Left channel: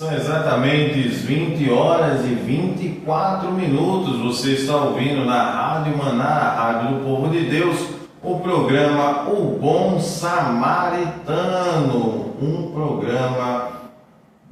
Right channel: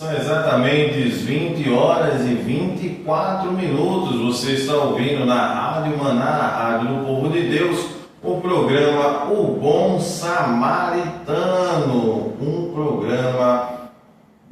São exatamente 20 horas e 24 minutos. Você está ouvindo na Rádio Maná, a Rádio do Povo de Deus, o programa O Bom Samaritano, um programa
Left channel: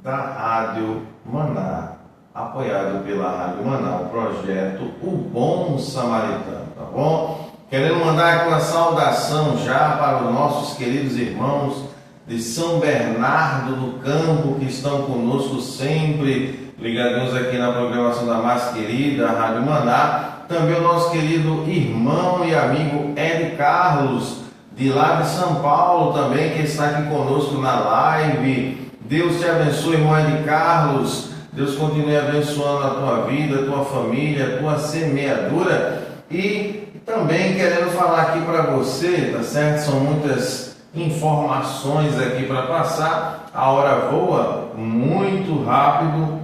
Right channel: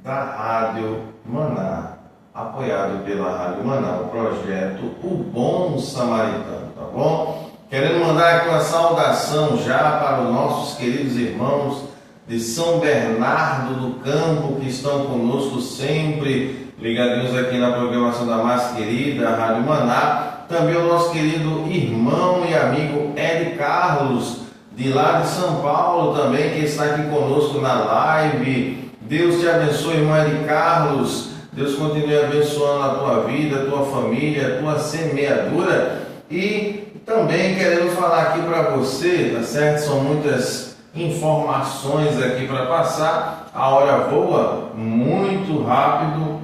da Rádio Maná, apoiado pela Rádio Maná, o projeto O Bom Samaritano, tá bom? Querendo mandar aqui uma saudação já para os nossos queridos irmãos de São Bernardo do Campo, que estão conosco sempre, ligadinhos aqui na programação da mais querida Rádio Maná. Também o nosso querido irmão e amigo Ed Carlos, de lá de São Paulo também, que está aqui conosco na live. Deus te abençoe, irmão Ed Carlos. Deus continue abençoando a tua vida, a tua família, a tua semeadura. E também querendo falar aqui para você, tá certo? São muitas informações aqui para passar, a hora voa muito rápido.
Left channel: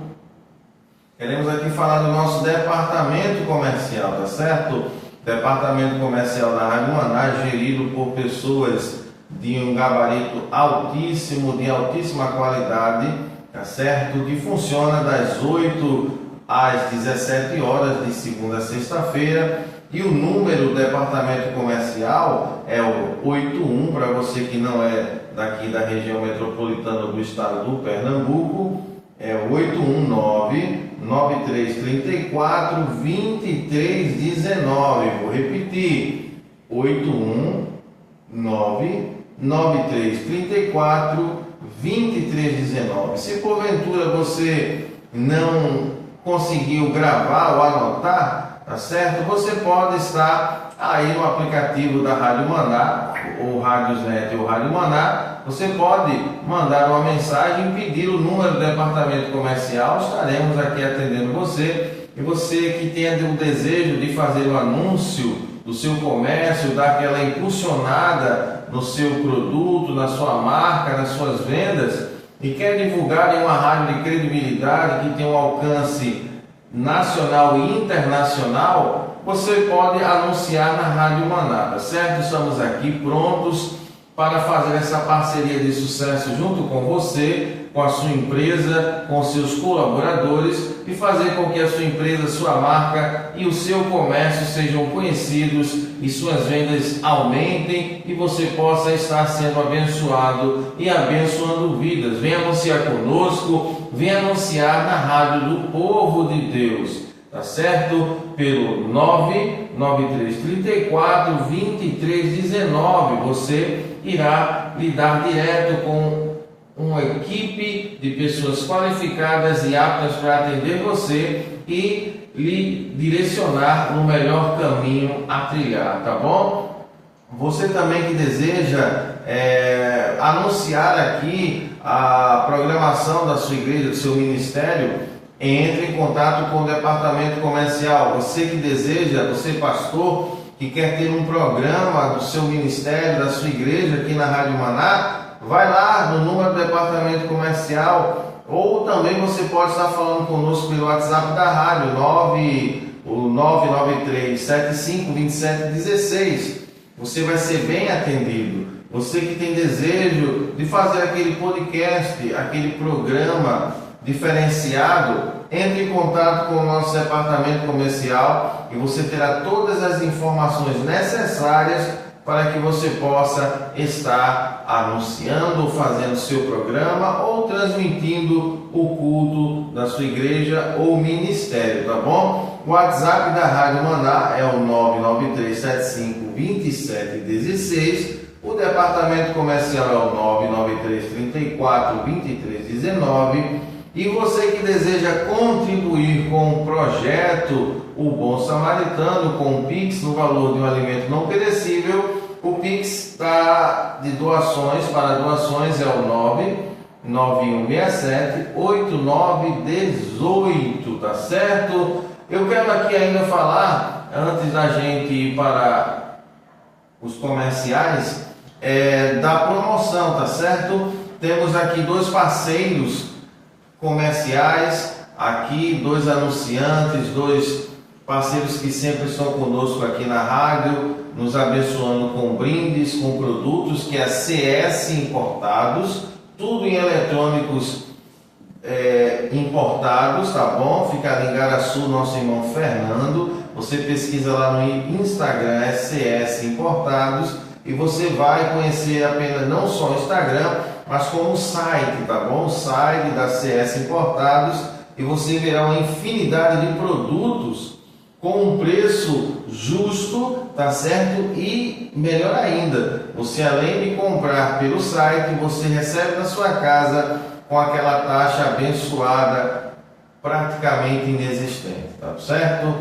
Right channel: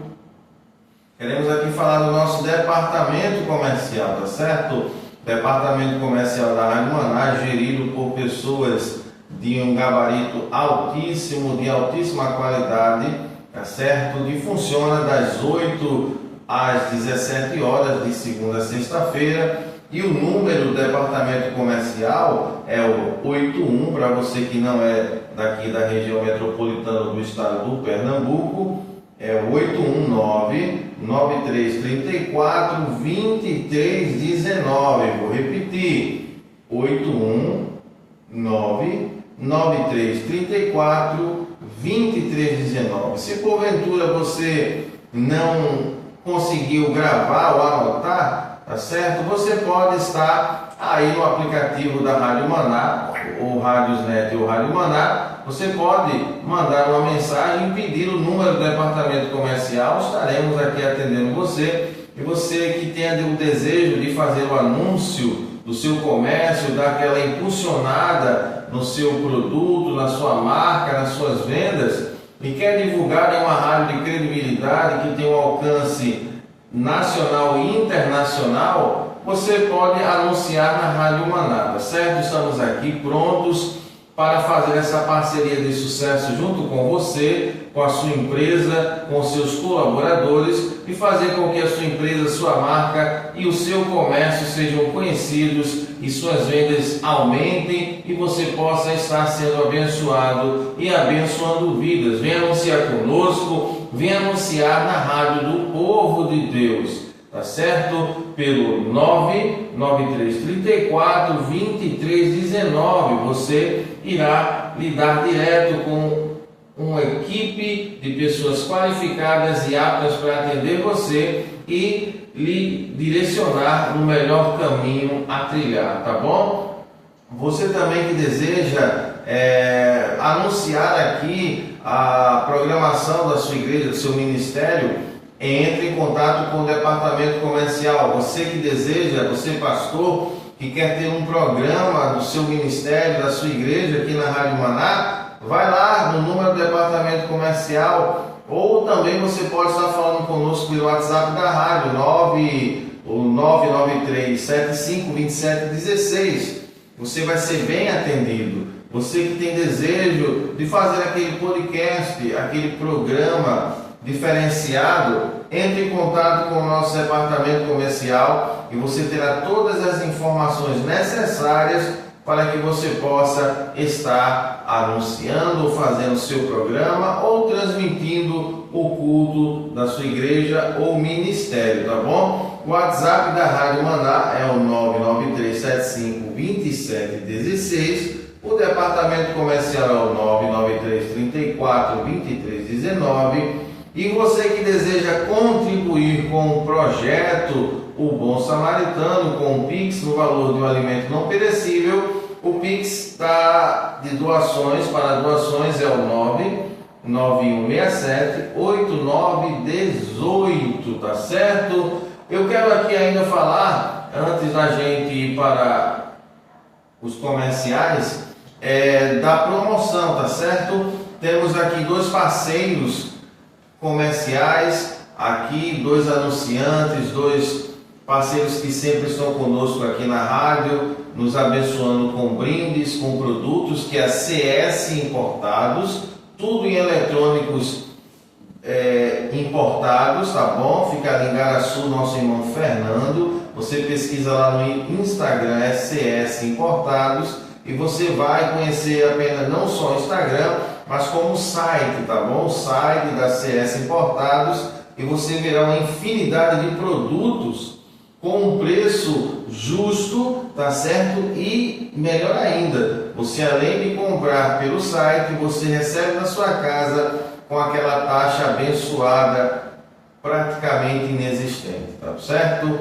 Queremos aqui falar do nosso departamento comercial, tá certo? Departamento comercial da Rádio Maná, gerido por pessoas de um gabarito altíssimo, de altíssima qualidade, tá certo? Que funciona das 8 às 17 horas, de segunda a sexta-feira. E o número do departamento comercial é o 81, para você que não é daqui da região metropolitana do estado do Pernambuco, é o 819-9334-2319. Vou repetir, 819-9334-2319. Se porventura você não conseguiu gravar ou anotar, tá certo? Você pode estar aí no aplicativo da Rádio Maná, ou Rádiosnet ou Rádio Maná. Você pode mandar uma mensagem e pedir o número do departamento comercial. Estaremos aqui atendendo você. E você que tenha o desejo de fazer o anúncio do seu comércio, dar aquela impulsionada no seu produto, na sua marca, nas suas vendas, e quer divulgar em uma rádio de credibilidade que tem um alcance nacional e internacional, você pode anunciar na Rádio Maná, tá certo? Estamos aqui prontos para fazer essa parceria de sucesso junto com você, com a sua empresa, com seus colaboradores, e fazer com que a sua empresa, sua marca e o seu comércio sejam conhecidos e suas vendas aumentem e você possa estar sendo abençoado e abençoando vidas. Venha anunciar conosco, venha anunciar na Rádio do Povo de Deus, tá certo? Pelo 99334-2319. Você irá lidar direto com uma equipe de pessoas qualificadas e aptas para atender você e lhe direcionar no melhor caminho a trilhar, tá bom? Você também que deseja anunciar aqui a programação da sua igreja, do seu ministério, entre em contato com o departamento comercial. Você que deseja, você pastor, que quer ter um programa do seu ministério, da sua igreja aqui na Rádio Maná, vai lá no número do departamento comercial, ou também você pode estar falando conosco pelo WhatsApp da rádio, 993752716. Você vai ser bem atendido. Você que tem desejo de fazer aquele podcast, aquele programa diferenciado, entre em contato com o nosso departamento comercial e você terá todas as informações necessárias para que você possa estar anunciando, fazendo seu programa ou transmitindo o culto da sua igreja ou ministério, tá bom? O WhatsApp da Rádio Maná é o 993752716. O departamento comercial é o 99334-2319. E você que deseja contribuir com o projeto O Bom Samaritano, com o Pix no valor de um alimento não perecível, o Pix está de doações, para doações é o 99167-8918, tá certo? Eu quero aqui ainda falar, antes da gente ir para os comerciais, da promoção, tá certo? Temos aqui 2 parceiros comerciais, aqui 2 anunciantes, 2 parceiros que sempre estão conosco aqui na rádio, nos abençoando com brindes, com produtos que é a CS Importados, tudo em eletrônicos Importados, tá bom? Fica ali em Garaçu, nosso irmão Fernando. Você pesquisa lá no Instagram, CS Importados, e você vai conhecer apenas não só o Instagram, mas como o site, tá bom? O site da CS Importados, e você verá uma infinidade de produtos com um preço justo, tá certo? E melhor ainda, você além de comprar pelo site, você recebe na sua casa com aquela taxa abençoada, praticamente inexistente, tá certo?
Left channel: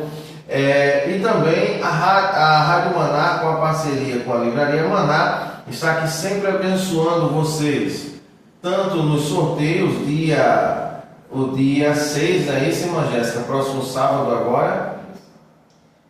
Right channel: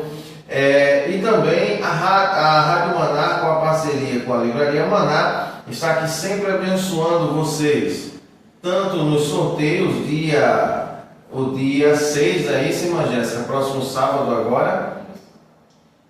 E também a Rádio Maná, com a parceria com a Livraria Maná, está aqui sempre abençoando vocês, tanto nos sorteios, o dia 6 aí, irmã Jéssica, próximo sábado agora.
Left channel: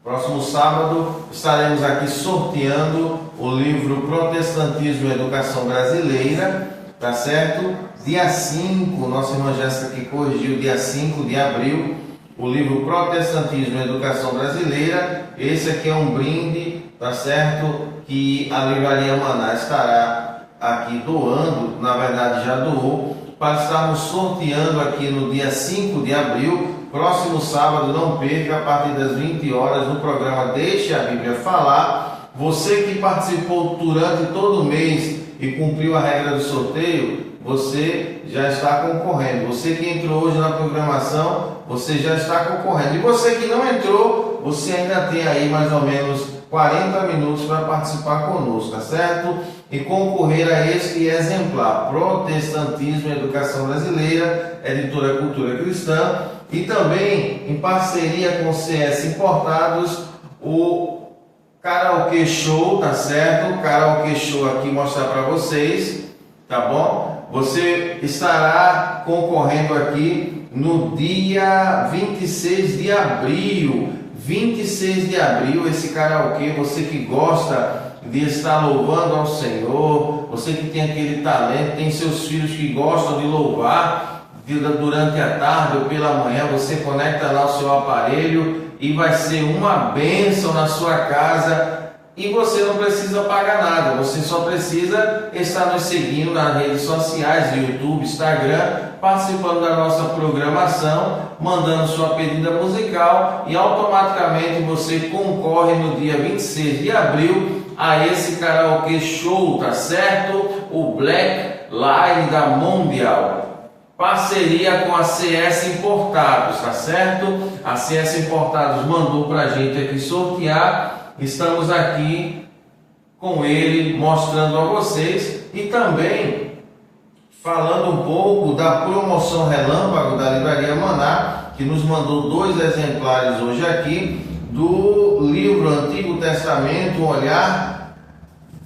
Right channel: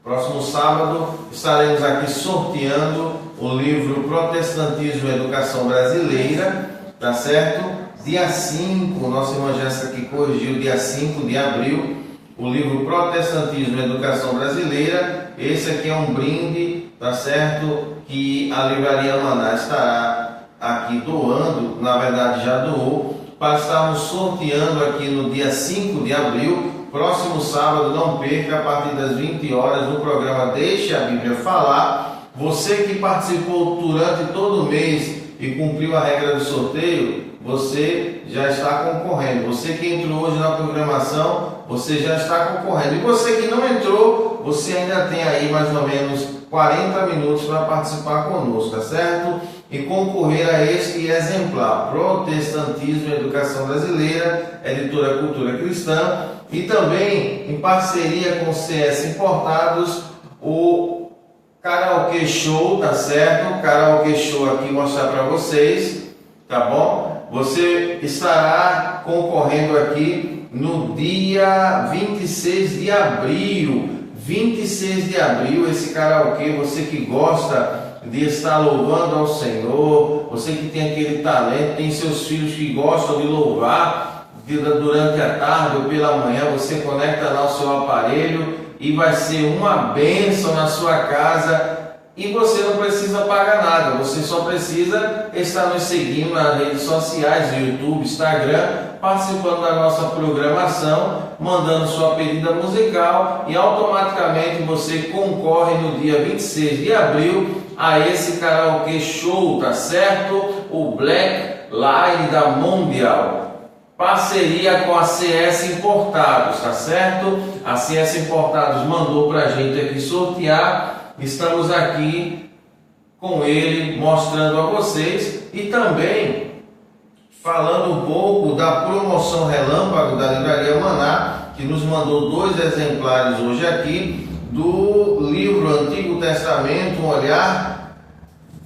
Próximo sábado estaremos aqui sorteando o livro Protestantismo e Educação Brasileira, tá certo? Dia 5, nossa irmã Jéssica que corrigiu, dia 5 de abril, o livro Protestantismo e Educação Brasileira. Esse aqui é um brinde, tá certo? Que a Livraria Maná estará aqui doando, na verdade já doou, para estarmos sorteando aqui no dia 5 de abril, próximo sábado. Não perca, a partir das 20 horas, no programa Deixe a Bíblia Falar. Você que participou durante todo o mês e cumpriu a regra do sorteio, você já está concorrendo. Você que entrou hoje na programação, você já está concorrendo. E você que não entrou, você ainda tem aí mais ou menos 40 minutos para participar conosco, tá certo? E concorrer a este exemplar, Protestantismo e Educação Brasileira, editora Cultura Cristã, e também em parceria com o CS Importados, o Karaokê Show, tá certo? O Karaokê Show aqui mostrar para vocês, tá bom? Você estará concorrendo aqui no dia 26 de abril. 26 de abril, esse karaokê, você que gosta de estar louvando ao Senhor, você que tem aquele talento, tem seus filhos que gostam de louvar durante a tarde ou pela manhã, você conecta lá o seu aparelho e vai ser uma bênção na sua casa. E você não precisa pagar nada, você só precisa estar nos seguindo nas redes sociais, no YouTube, Instagram, participando da nossa programação, mandando sua pedida musical, e automaticamente você concorre no dia 26 de abril a esse karaokê show, tá certo? O Black Line da Mundial. Parceria com a CS Importados, tá certo? A CS Importados mandou pra gente aqui sortear. Estamos aqui com ele mostrando a vocês e também falando um pouco da promoção relâmpago da Livraria Maná, que nos mandou 2 exemplares hoje aqui do livro Antigo Testamento, um olhar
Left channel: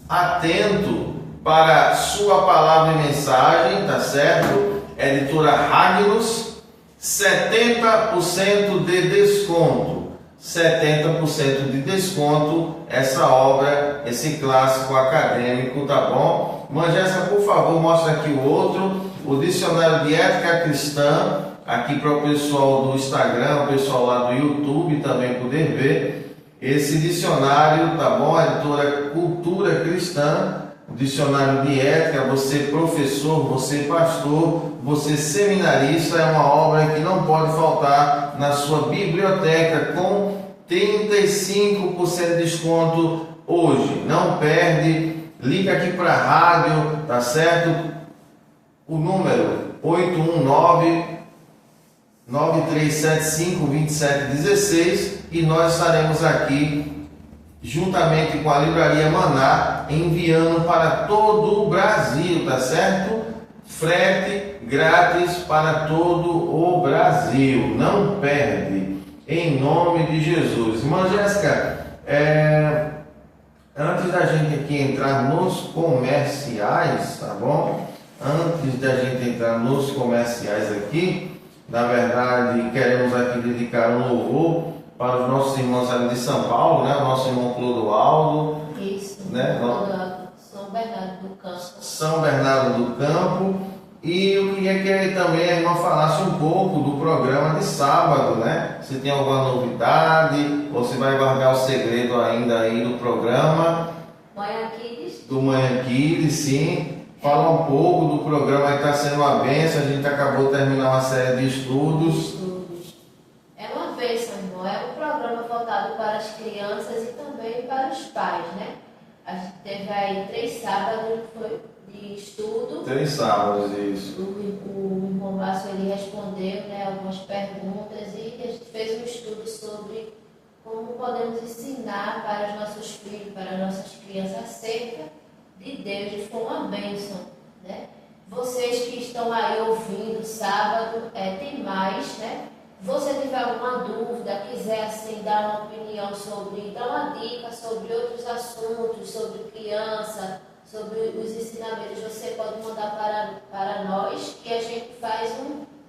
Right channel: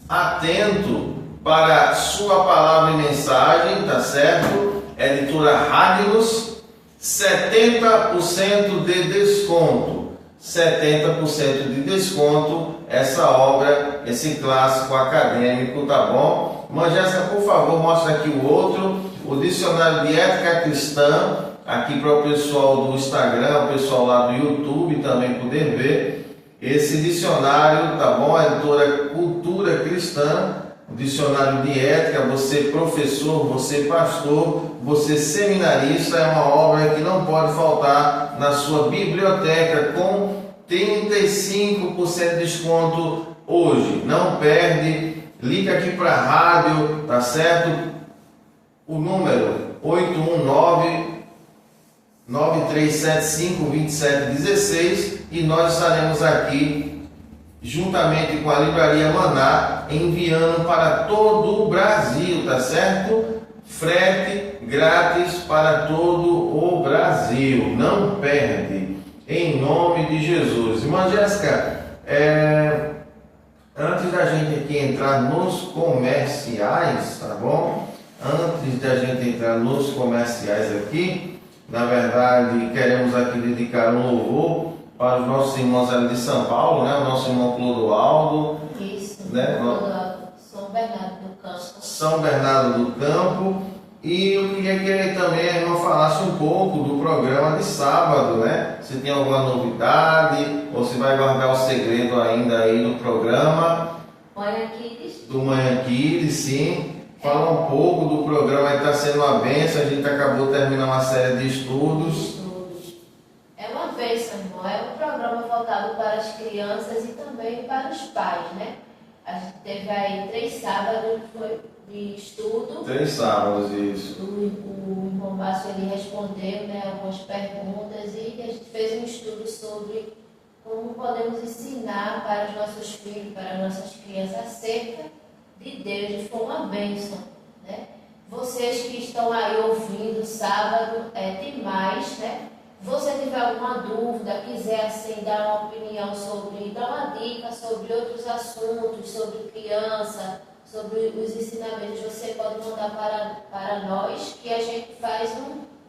atento para sua palavra e mensagem, tá certo? Editora Ragnos, 70% de desconto. 70% de desconto, essa obra, esse clássico acadêmico, tá bom? Irmã Jéssica, por favor, mostra aqui o outro, o Dicionário de Ética Cristã, aqui para o pessoal do Instagram, o pessoal lá do YouTube também poder ver. Esse dicionário, tá bom? A editora Cultura Cristã, o dicionário de ética, você professor, você pastor, você seminarista, é uma obra que não pode faltar na sua biblioteca, com 35% de desconto hoje. Não perde, liga aqui para a rádio, tá certo? O número 819-9375-2716, e nós estaremos aqui juntamente com a Livraria Maná, enviando para todo o Brasil, tá certo? Frete grátis para todo o Brasil, não perde, em nome de Jesus. Irmã Jéssica, antes da gente aqui entrar nos comerciais, tá bom? Antes da gente entrar nos comerciais aqui, na verdade, queremos aqui dedicar um louvor para os nossos irmãos ali de São Paulo, né? O nosso irmão Clodoaldo. Isso, né? São Bernardo do Campo. São Bernardo do Campo. E eu queria que também a irmã falasse um pouco do programa de sábado, né? Se tem alguma novidade, ou se vai guardar o segredo ainda aí do programa. Manhã Kids. Do Manhã Kids, sim. Fala um pouco do programa que está sendo uma bênção. A gente acabou terminando uma série de estudos. É uma bênção, irmão. É um programa voltado para as crianças e também para os pais, né? A gente teve aí 3 sábados de estudo. 3 sábados, isso. O irmão Márcio, ele respondeu, né, algumas perguntas e a gente fez um estudo sobre como podemos ensinar para os nossos filhos, para as nossas crianças acerca de Deus. E foi uma bênção, né? Vocês que estão aí ouvindo sábado, tem mais, né? Você tiver alguma dúvida, quiser assim, dar uma opinião sobre, dar uma dica sobre outros assuntos, sobre criança, sobre os ensinamentos, você pode mandar para nós, que a gente faz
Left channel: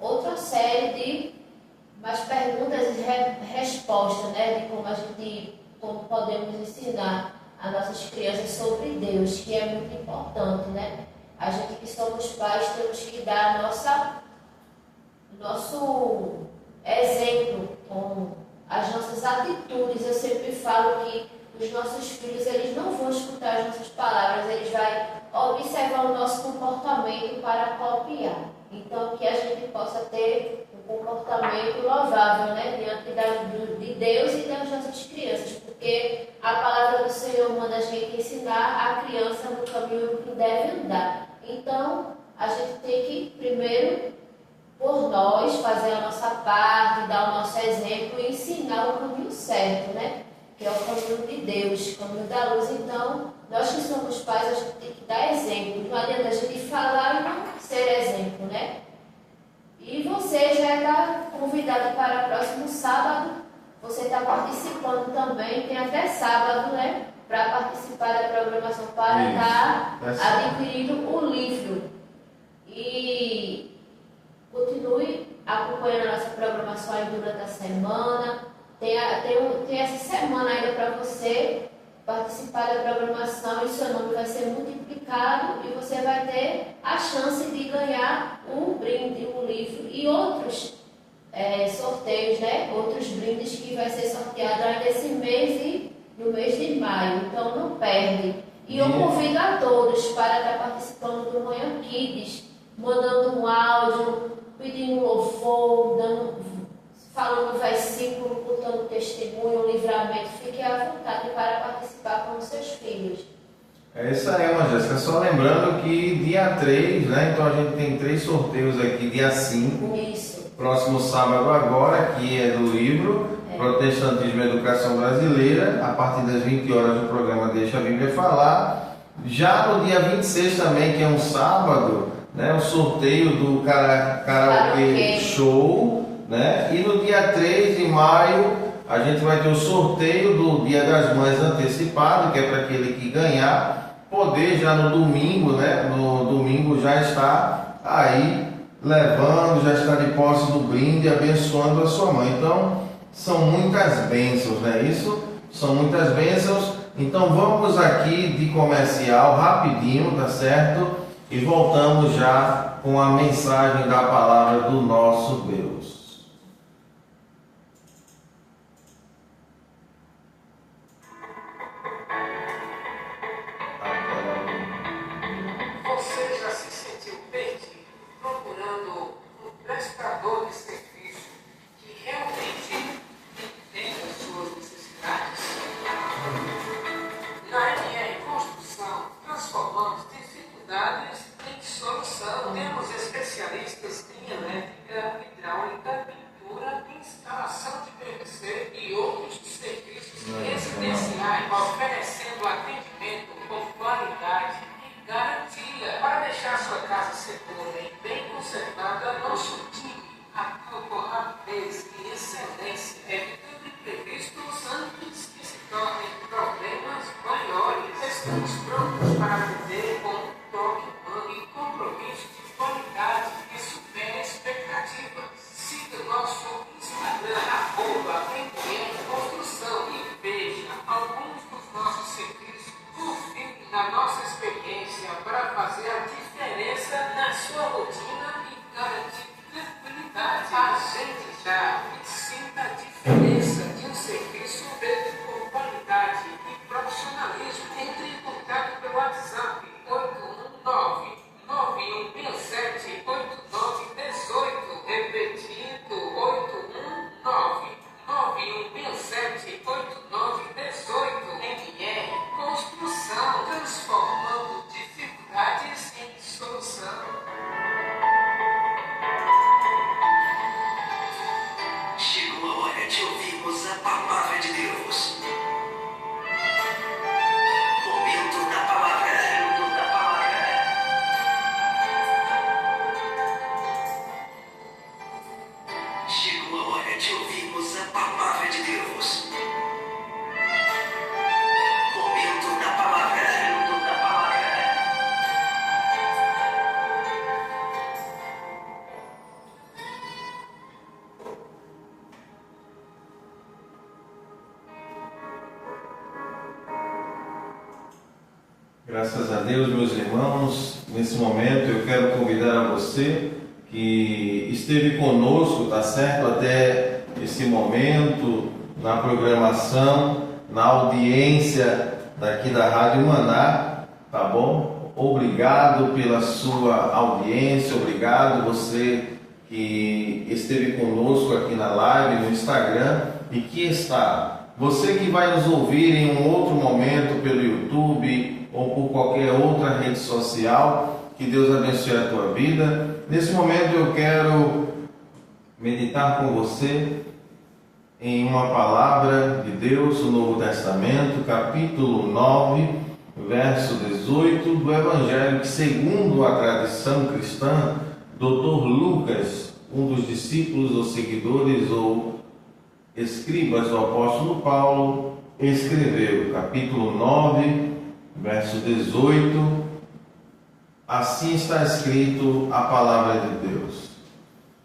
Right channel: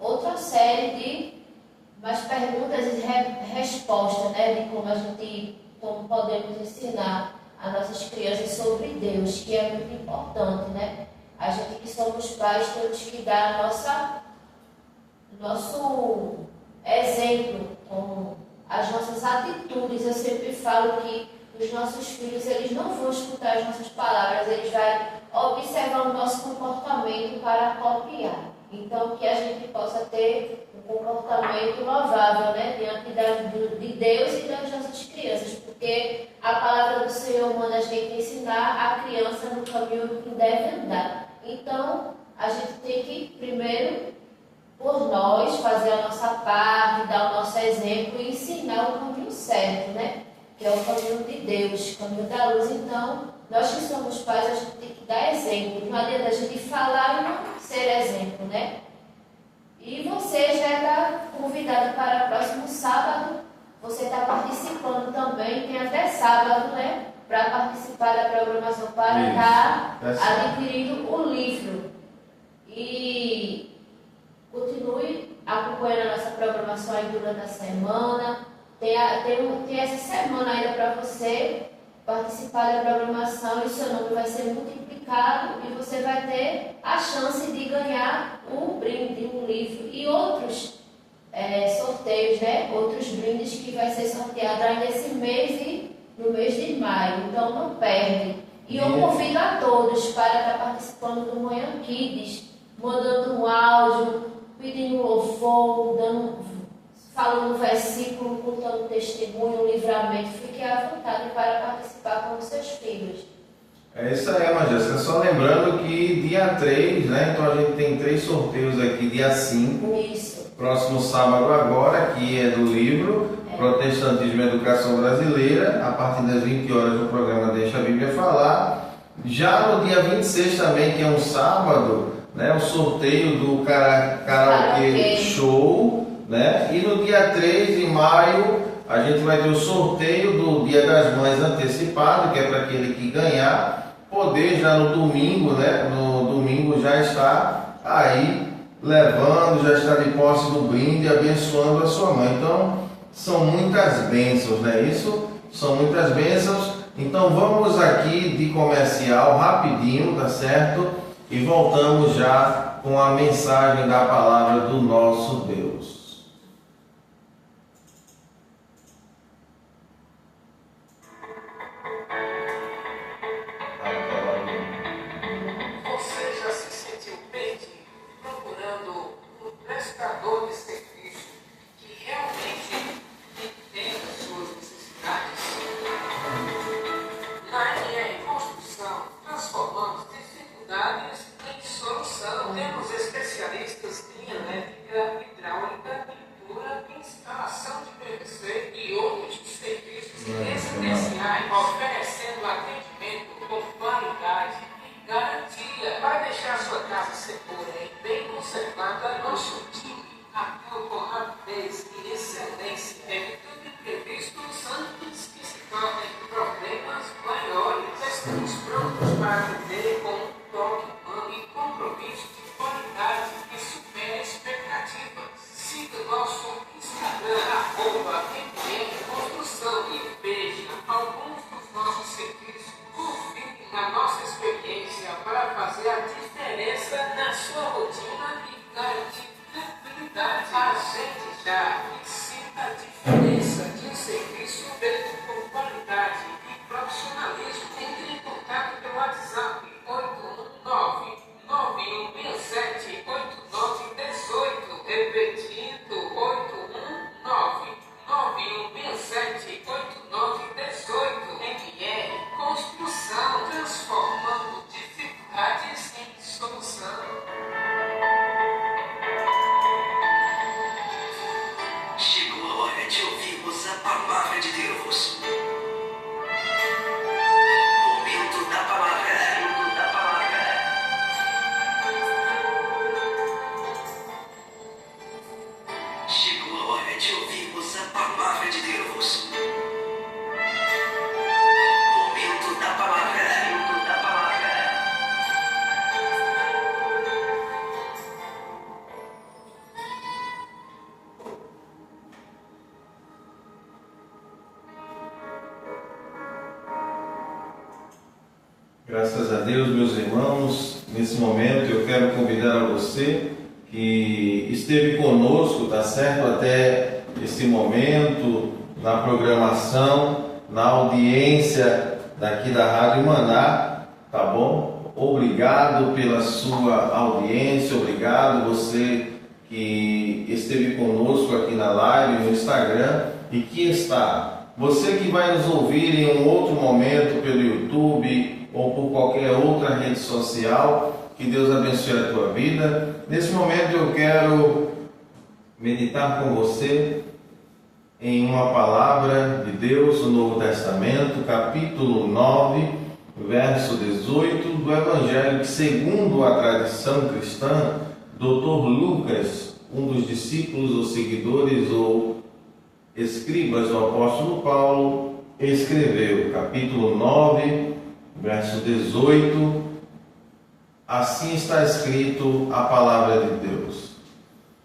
outra série de mais perguntas e respostas, né? De como podemos ensinar as nossas crianças sobre Deus, que é muito importante, né? A gente que somos pais temos que dar nosso exemplo com as nossas atitudes. Eu sempre falo que os nossos filhos, eles não vão escutar as nossas palavras, eles vão observar o nosso comportamento para copiar. Então, que a gente possa ter um comportamento louvável, né, diante de Deus e das nossas crianças, porque a palavra do Senhor manda a gente ensinar a criança no caminho que deve andar. Então, a gente tem que, primeiro, por nós, fazer a nossa parte, dar o nosso exemplo e ensinar o caminho certo, né? Que é o caminho de Deus, o caminho da luz. Então, nós que somos pais, a gente tem que dar exemplo. Não adianta a gente falar e não ser exemplo, né? E você já está convidado para o próximo sábado. Você está participando também, tem até sábado, né? Para participar da programação, para estar adquirindo o livro. E continue acompanhando a nossa programação aí durante a semana. Tem essa semana ainda para você participar da programação e o seu nome vai ser multiplicado e você vai ter a chance de ganhar um brinde, um livro e outros sorteios, né? Outros brindes que vai ser sorteado ainda esse mês e no mês de maio. Então não perde. E eu convido a todos para estar participando do Manhã Kids, mandando um áudio, pedindo louvor, falando um versículo, contando testemunho, um livramento. Fique à vontade para participar com os seus filhos. É isso aí, irmã Jéssica. Só lembrando que dia 3, né? Então a gente tem 3 sorteios aqui, dia 5. Isso. Próximo sábado agora, que é do livro Protestantismo e Educação Brasileira. A partir das 20 horas o programa Deixa a Bíblia Falar. Já no dia 26 também, que é um sábado, né? O sorteio do Karaokê Show. Né? E no dia 3 de maio a gente vai ter o sorteio do Dia das Mães antecipado, que é para aquele que ganhar poder já no domingo, né? No domingo já está aí levando, já está de posse do brinde, abençoando a sua mãe. Então são muitas bênçãos, não é isso? São muitas bênçãos. Então vamos aqui de comercial rapidinho, tá certo? E voltamos já com a mensagem da palavra do nosso Deus. Oferecendo atendimento com qualidade e garantia para deixar a sua casa segura e bem conservada. Nosso time atua com rapidez e excelência, evitando imprevistos antes que se tornem problemas maiores. Estamos prontos para atender com um toque humano e compromisso de qualidade que supera expectativas. Siga nosso Instagram, @construção e veja alguns nossos serviços, confie na nossa experiência para fazer a diferença na sua rotina e garantir Graças a Deus, meus irmãos, nesse momento eu quero convidar a você que esteve conosco, tá certo, até esse momento, na programação, na audiência daqui da Rádio Maná, tá bom? Obrigado pela sua audiência, obrigado você que esteve conosco aqui na live, no Instagram e que está. Você que vai nos ouvir em um outro momento pelo YouTube ou por qualquer outra rede social, que Deus abençoe a tua vida. Nesse momento eu quero meditar com você em uma palavra de Deus, no Novo Testamento, capítulo 9, verso 18, do Evangelho que, segundo a tradição cristã, Dr. Lucas, um dos discípulos ou seguidores ou escribas do apóstolo Paulo, escreveu, capítulo 9, verso 18, assim está escrito a palavra de Deus.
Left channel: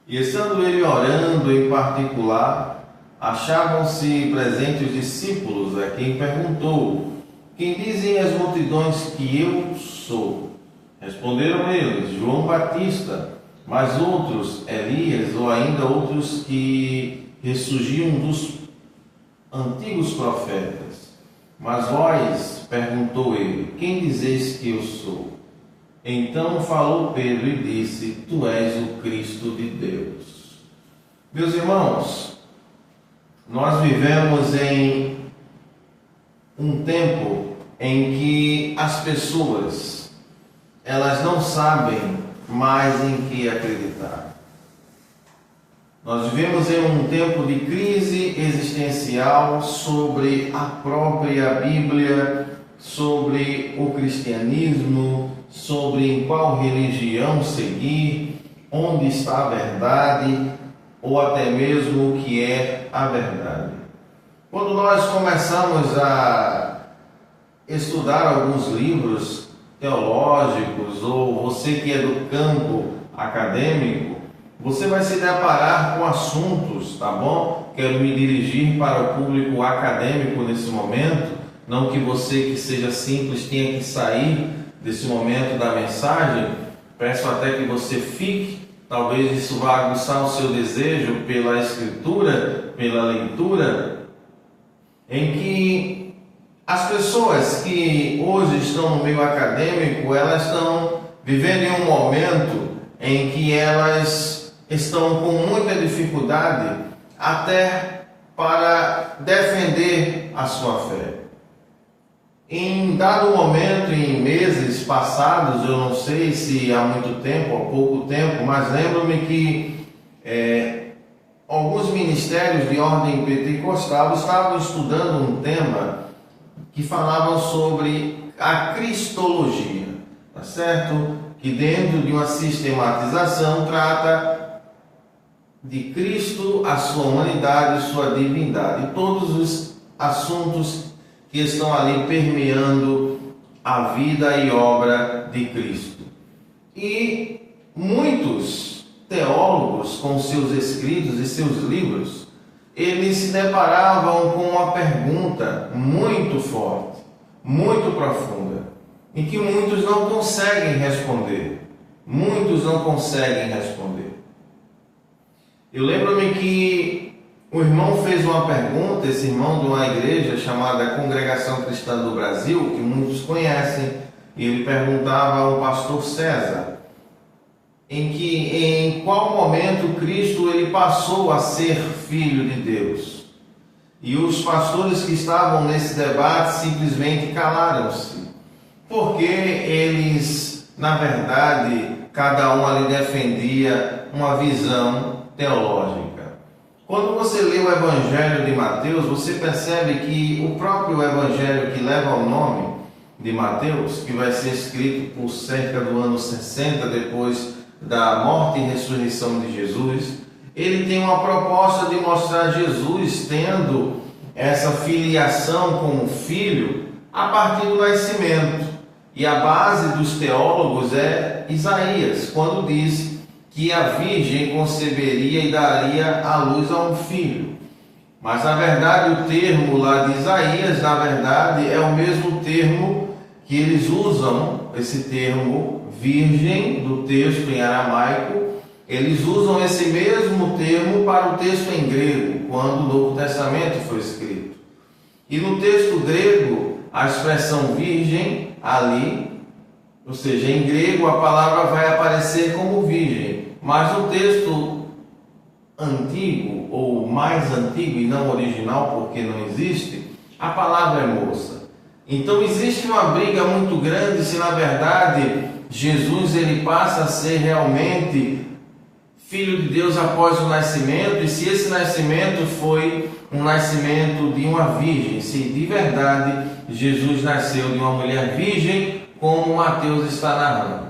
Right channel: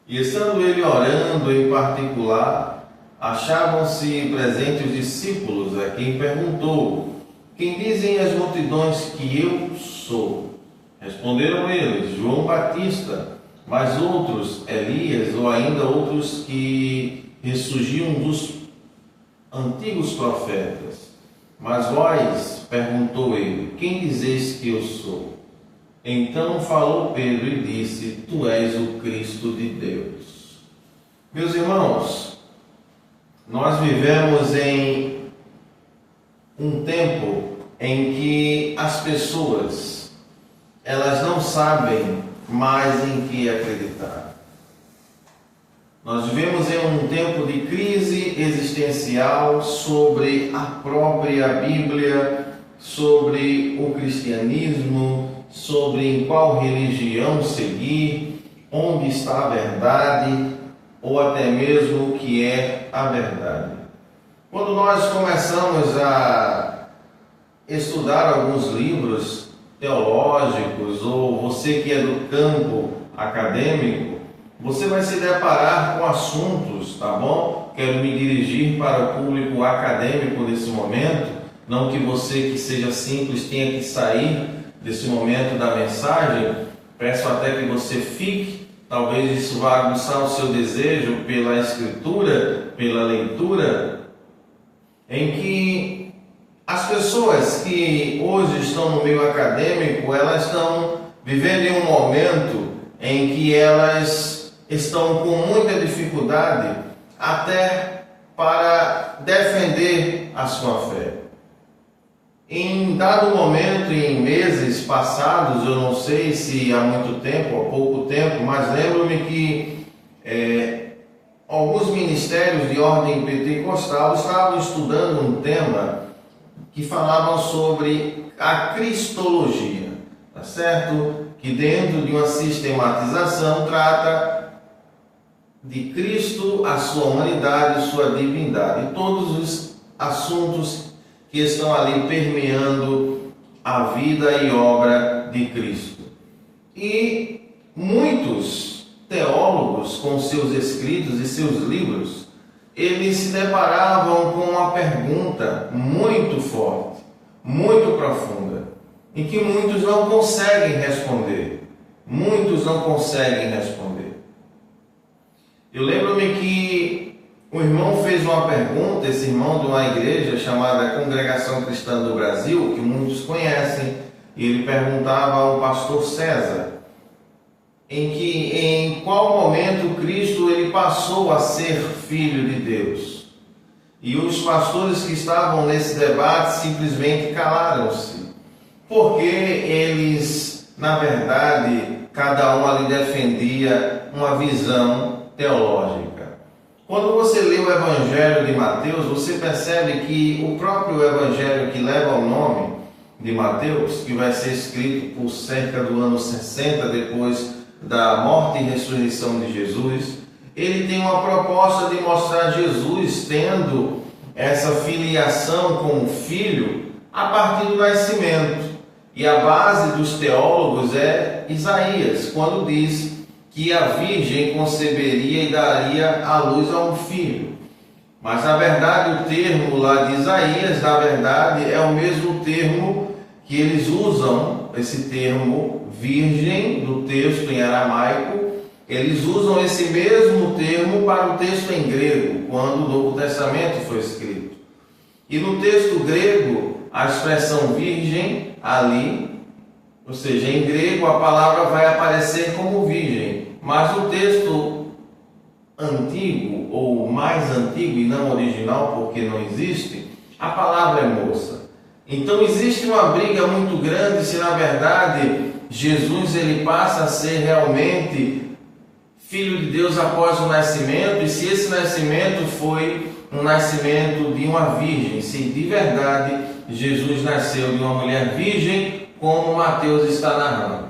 E estando ele orando em particular, achavam-se presentes os discípulos, a quem perguntou: quem dizem as multidões que eu sou? Responderam eles: João Batista, mas outros, Elias, ou ainda outros que ressurgiam dos antigos profetas. Mas vós, perguntou ele, quem dizeis que eu sou? Então falou Pedro e disse: tu és o Cristo de Deus. Meus irmãos, nós vivemos em um tempo em que as pessoas, elas não sabem mais em que acreditar. Nós vivemos em um tempo de crise existencial sobre a própria Bíblia, sobre o cristianismo, sobre em qual religião seguir, onde está a verdade, ou até mesmo o que é a verdade. Quando nós começamos a estudar alguns livros teológicos, ou você que é do campo acadêmico, você vai se deparar com assuntos, tá bom? Quero me dirigir para o público acadêmico nesse momento, não que você que seja simples tenha que sair desse momento da mensagem. Peço até que você fique, talvez isso vá aguçar o seu desejo pela escritura, pela leitura, em que as pessoas que hoje estão no meio acadêmico, elas estão vivendo em um momento em que elas estão com muita dificuldade até para defender a sua fé. Em dado momento, em meses passados, eu não sei se há muito tempo, há pouco tempo, mas lembro-me que alguns ministérios de ordem pentecostal estavam estudando um tema que falava sobre a cristologia, tá certo? Que dentro de uma sistematização trata de Cristo, a sua humanidade, sua divindade, e todos os assuntos que estão ali permeando a vida e obra de Cristo. E muitos teólogos, com seus escritos e seus livros, eles se deparavam com uma pergunta muito forte, muito profunda, em que muitos não conseguem responder. Muitos não conseguem responder. Eu lembro-me que um irmão fez uma pergunta, esse irmão de uma igreja chamada Congregação Cristã do Brasil, que muitos conhecem, e ele perguntava ao pastor César, em qual momento Cristo ele passou a ser filho de Deus. E os pastores que estavam nesse debate simplesmente calaram-se, porque eles, na verdade, cada um ali defendia uma visão teológica. Quando você lê o Evangelho de Mateus, você percebe que o próprio Evangelho que leva o nome de Mateus, que vai ser escrito por cerca do ano 60 depois da morte e ressurreição de Jesus, ele tem uma proposta de mostrar Jesus tendo essa filiação como filho a partir do nascimento. E a base dos teólogos é Isaías, quando diz que a virgem conceberia e daria à luz a um filho. Mas, na verdade, o termo lá de Isaías, na verdade, é o mesmo termo que eles usam esse termo virgem do texto em aramaico, eles usam esse mesmo termo para o texto em grego, quando o Novo Testamento foi escrito. E no texto grego, a expressão virgem ali, ou seja, em grego a palavra vai aparecer como virgem, mas no texto antigo, ou mais antigo e não original, porque não existe, a palavra é moça. Então existe uma briga muito grande se na verdade Jesus ele passa a ser realmente Filho de Deus após o nascimento, e se esse nascimento foi um nascimento de uma virgem, se de verdade Jesus nasceu de uma mulher virgem, como Mateus está narrando.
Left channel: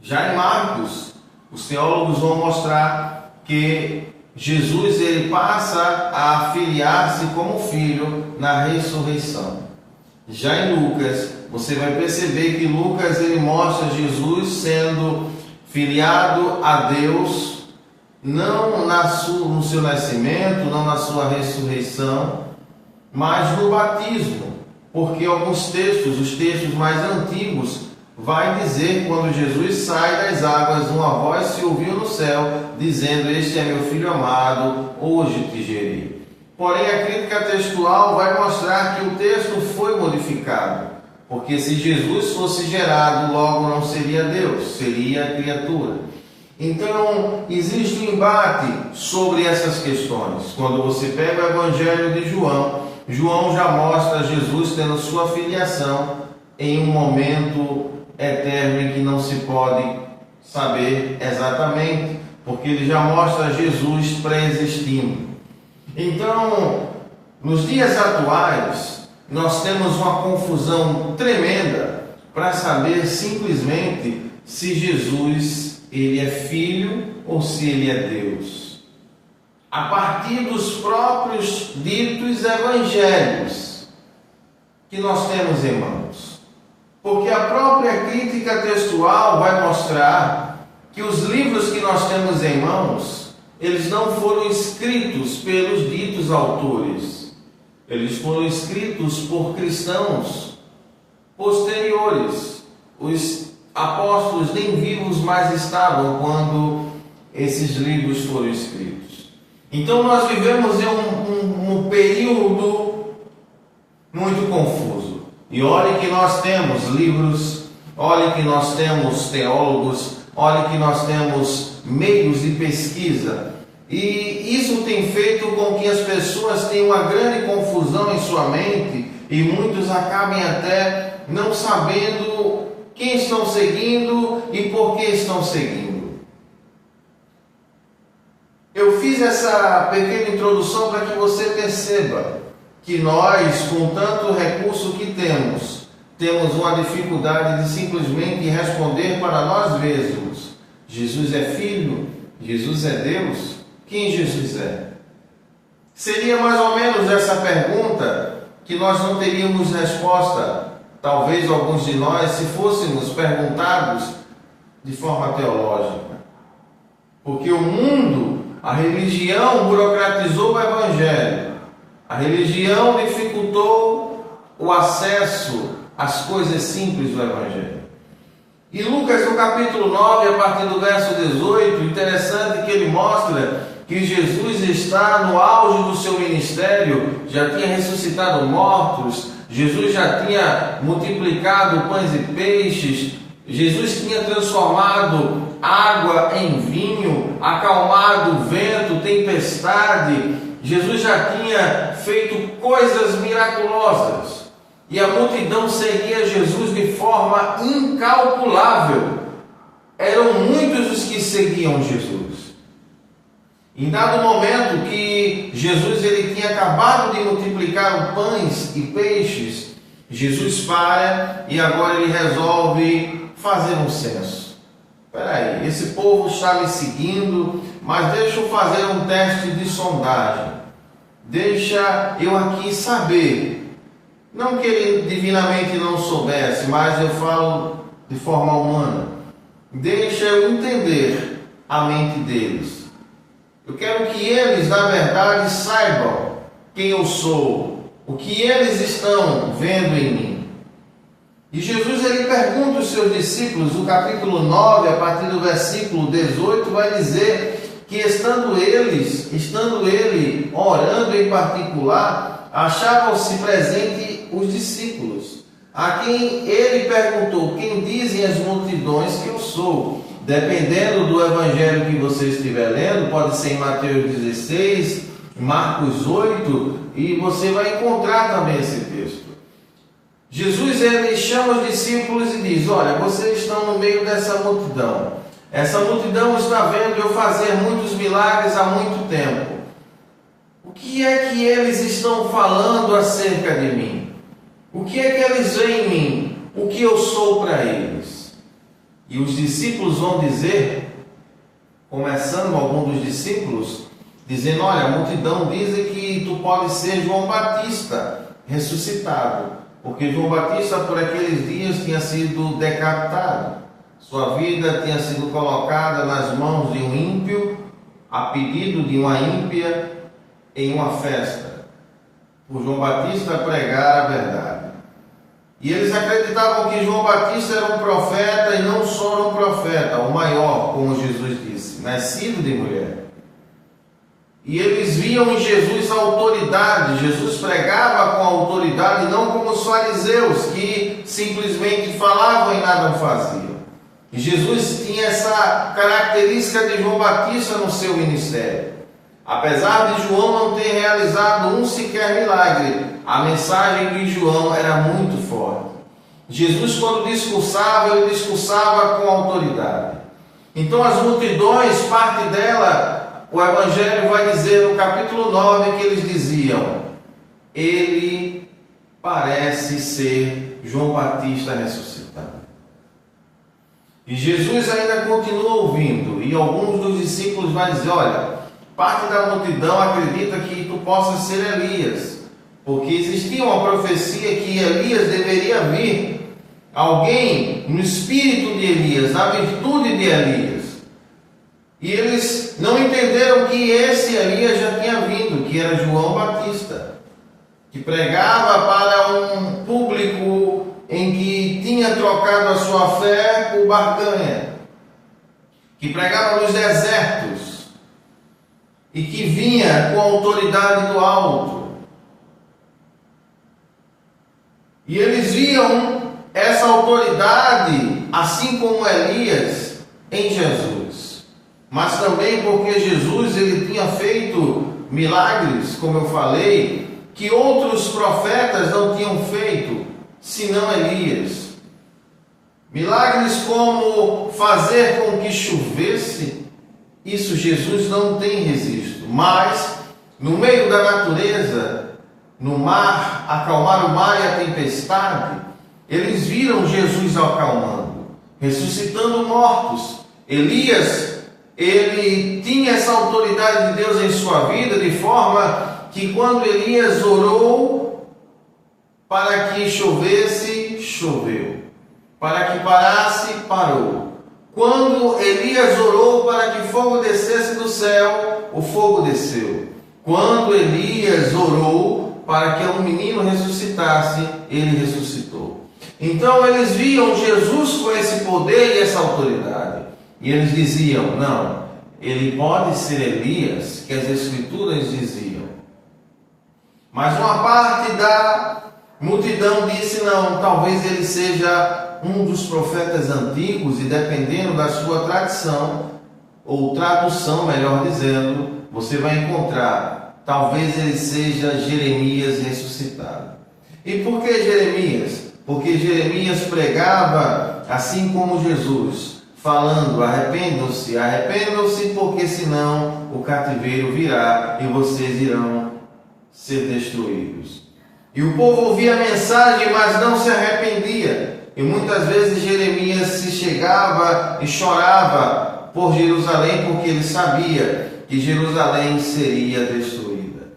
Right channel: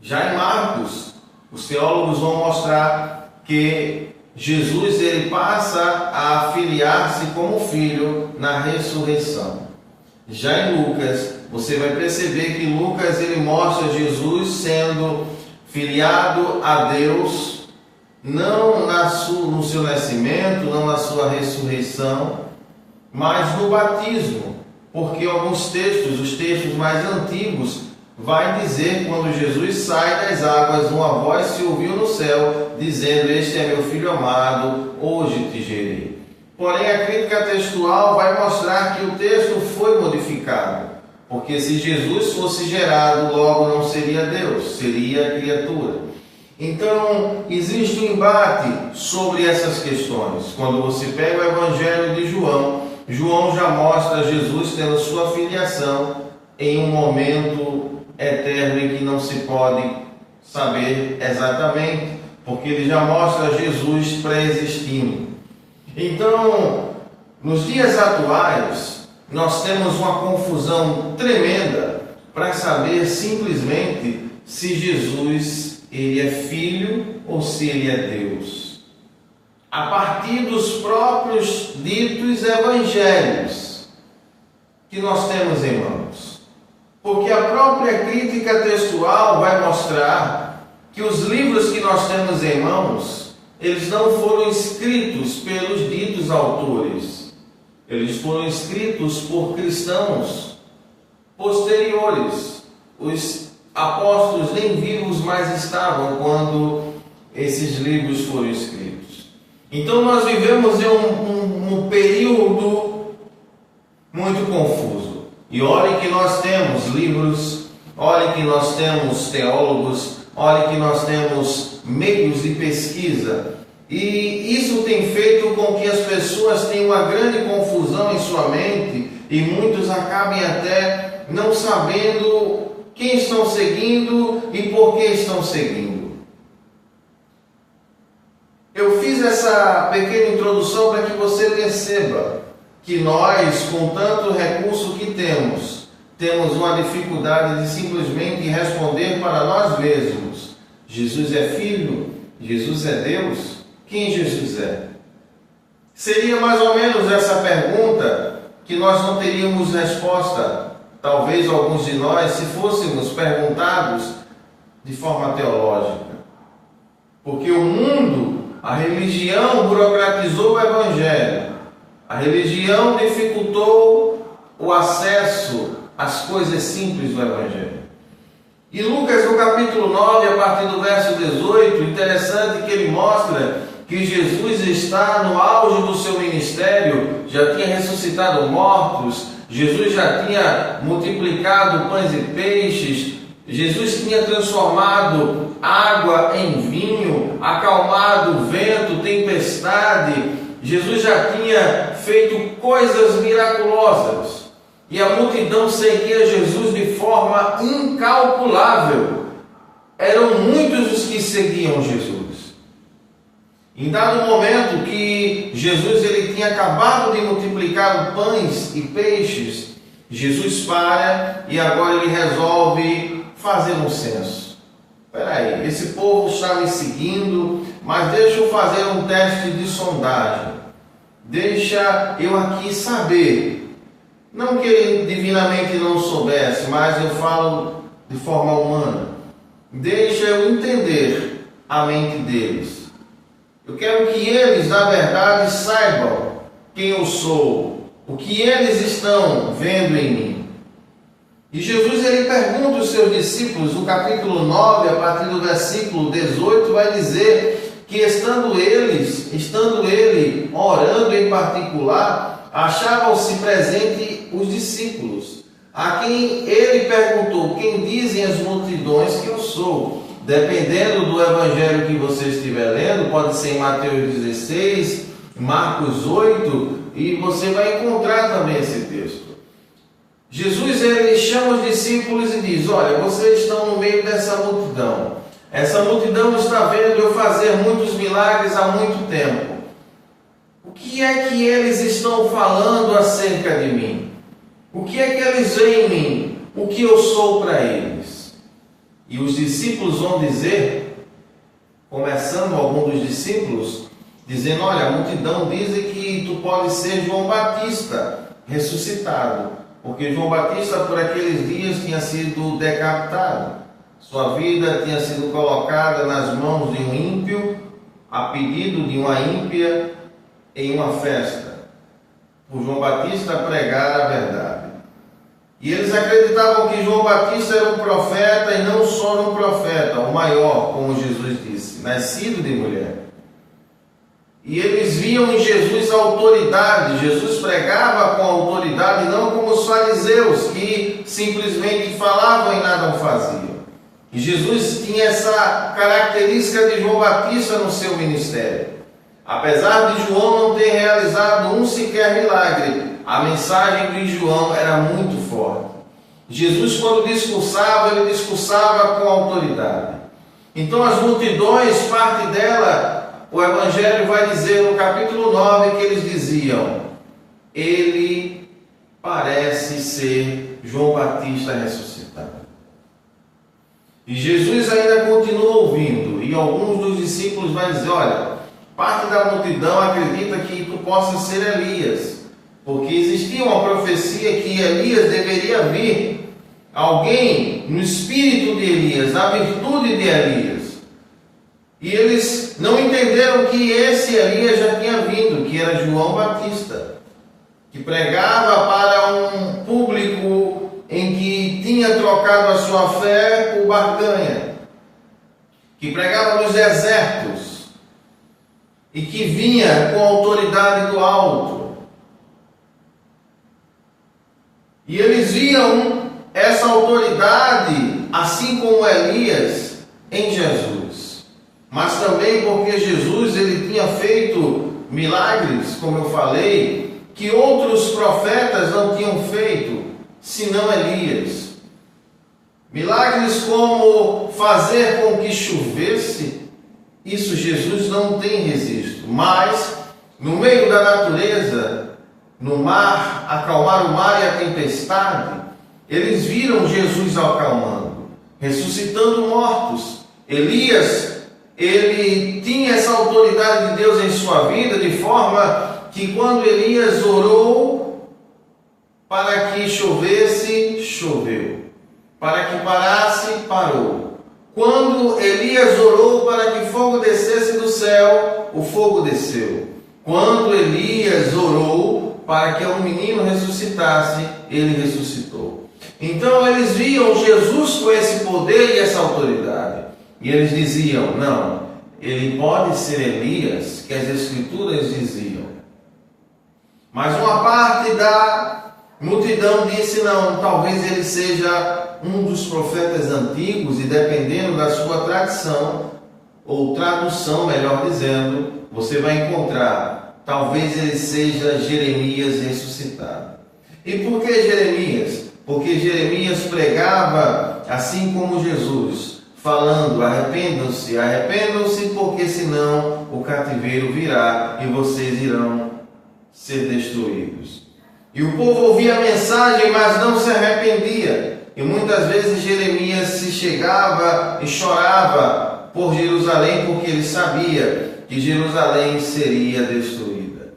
Já em Marcos, os teólogos vão mostrar que Jesus ele passa a filiar-se como filho na ressurreição. Já em Lucas, você vai perceber que Lucas ele mostra Jesus sendo filiado a Deus, não no seu nascimento, não na sua ressurreição, mas no batismo, porque alguns textos, os textos mais antigos, vai dizer quando Jesus sai das águas, uma voz se ouviu no céu, dizendo: este é meu filho amado, hoje te gerei. Porém, a crítica textual vai mostrar que o texto foi modificado, porque se Jesus fosse gerado, logo não seria Deus, seria criatura. Então, existe um embate sobre essas questões. Quando você pega o Evangelho de João, João já mostra Jesus tendo sua filiação em um momento eterno em que não se pode saber exatamente, porque ele já mostra Jesus pré-existindo. Então, nos dias atuais, nós temos uma confusão tremenda para saber simplesmente se Jesus ele é filho ou se ele é Deus, a partir dos próprios ditos evangelhos que nós temos em mãos. Porque a própria crítica textual vai mostrar que os livros que nós temos em mãos, eles não foram escritos pelos ditos autores. Eles foram escritos por cristãos posteriores. Os apóstolos nem vivos mais estavam quando esses livros foram escritos. Então nós vivemos em um período muito confuso. E olhe que nós temos livros, olhe que nós temos teólogos, olhe que nós temos meios de pesquisa. E isso tem feito com que as pessoas tenham uma grande confusão em sua mente e muitos acabem até não sabendo quem estão seguindo e por que estão seguindo. Eu fiz essa pequena introdução para que você perceba que nós, com tanto recurso que temos uma dificuldade de simplesmente responder para nós mesmos: Jesus é Filho? Jesus é Deus? Quem Jesus é? Seria mais ou menos essa pergunta que nós não teríamos resposta, talvez alguns de nós, se fôssemos perguntados de forma teológica. Porque o mundo, a religião burocratizou o Evangelho, a religião dificultou o acesso às coisas simples do Evangelho. E Lucas, no capítulo 9, a partir do verso 18, interessante que ele mostra que Jesus está no auge do seu ministério, já tinha ressuscitado mortos, Jesus já tinha multiplicado pães e peixes, Jesus tinha transformado água em vinho, acalmado vento, tempestade, Jesus já tinha feito coisas miraculosas. E a multidão seguia Jesus de forma incalculável. Eram muitos os que seguiam Jesus. Em dado momento que Jesus ele tinha acabado de multiplicar pães e peixes, Jesus para e agora ele resolve fazer um censo. Espera aí, esse povo está me seguindo, mas deixa eu fazer um teste de sondagem. Deixa eu aqui saber. Não que ele divinamente não soubesse, mas eu falo de forma humana. Deixa eu entender a mente deles. Eu quero que eles, na verdade, saibam quem eu sou, o que eles estão vendo em mim. E Jesus ele pergunta aos seus discípulos, no capítulo 9, a partir do versículo 18, vai dizer que estando ele orando em particular, achavam-se presentes os discípulos, a quem ele perguntou: quem dizem as multidões que eu sou? Dependendo do evangelho que você estiver lendo, pode ser em Mateus 16, Marcos 8, e você vai encontrar também esse texto. Jesus ele chama os discípulos e diz: olha, vocês estão no meio dessa multidão. Essa multidão está vendo eu fazer muitos milagres há muito tempo. O que é que eles estão falando acerca de mim? O que é que eles veem em mim? O que eu sou para eles? E os discípulos vão dizer, começando algum dos discípulos, dizendo: olha, a multidão diz que tu pode ser João Batista ressuscitado. Porque João Batista, por aqueles dias, tinha sido decapitado. Sua vida tinha sido colocada nas mãos de um ímpio, a pedido de uma ímpia, em uma festa. Por João Batista pregar a verdade. E eles acreditavam que João Batista era um profeta, e não só um profeta, o maior, como Jesus disse, nascido de mulher. E eles viam em Jesus a autoridade. Jesus pregava com autoridade, não como os fariseus, que simplesmente falavam e nada faziam. E Jesus tinha essa característica de João Batista no seu ministério. Apesar de João não ter realizado um sequer milagre, a mensagem de João era muito forte. Jesus, quando discursava, ele discursava com autoridade. Então as multidões, parte dela, o Evangelho vai dizer no capítulo 9 que eles diziam: ele parece ser João Batista ressuscitado. E Jesus ainda continua ouvindo, e alguns dos discípulos vão dizer: olha, parte da multidão acredita que tu possa ser Elias, porque existia uma profecia que Elias deveria vir, alguém no espírito de Elias, na virtude de Elias. E eles não entenderam que esse Elias já tinha vindo, que era João Batista, que pregava para um público em que tinha trocado a sua fé por barganha, que pregava nos desertos e que vinha com a autoridade do alto. E eles viam essa autoridade, assim como Elias, em Jesus. Mas também porque Jesus ele tinha feito milagres, como eu falei, que outros profetas não tinham feito, senão Elias. Milagres como fazer com que chovesse, isso Jesus não tem registro. Mas, no meio da natureza, no mar, acalmar o mar e a tempestade, eles viram Jesus acalmando, ressuscitando mortos. Elias, ele tinha essa autoridade de Deus em sua vida, de forma que quando Elias orou para que chovesse, choveu. Para que parasse, parou. Quando Elias orou para que fogo descesse do céu, o fogo desceu. Quando Elias orou para que um menino ressuscitasse, ele ressuscitou. Então eles viam Jesus com esse poder e essa autoridade. E eles diziam: não, ele pode ser Elias, que as Escrituras diziam. Mas uma parte da multidão disse: não, talvez ele seja um dos profetas antigos, e dependendo da sua tradição, ou tradução, melhor dizendo, você vai encontrar, talvez ele seja Jeremias ressuscitado. E por que Jeremias? Porque Jeremias pregava assim como Jesus, falando: arrependam-se, arrependam-se, porque senão o cativeiro virá e vocês irão ser destruídos. E o povo ouvia a mensagem, mas não se arrependia. E muitas vezes Jeremias se chegava e chorava por Jerusalém, porque ele sabia que Jerusalém seria destruída.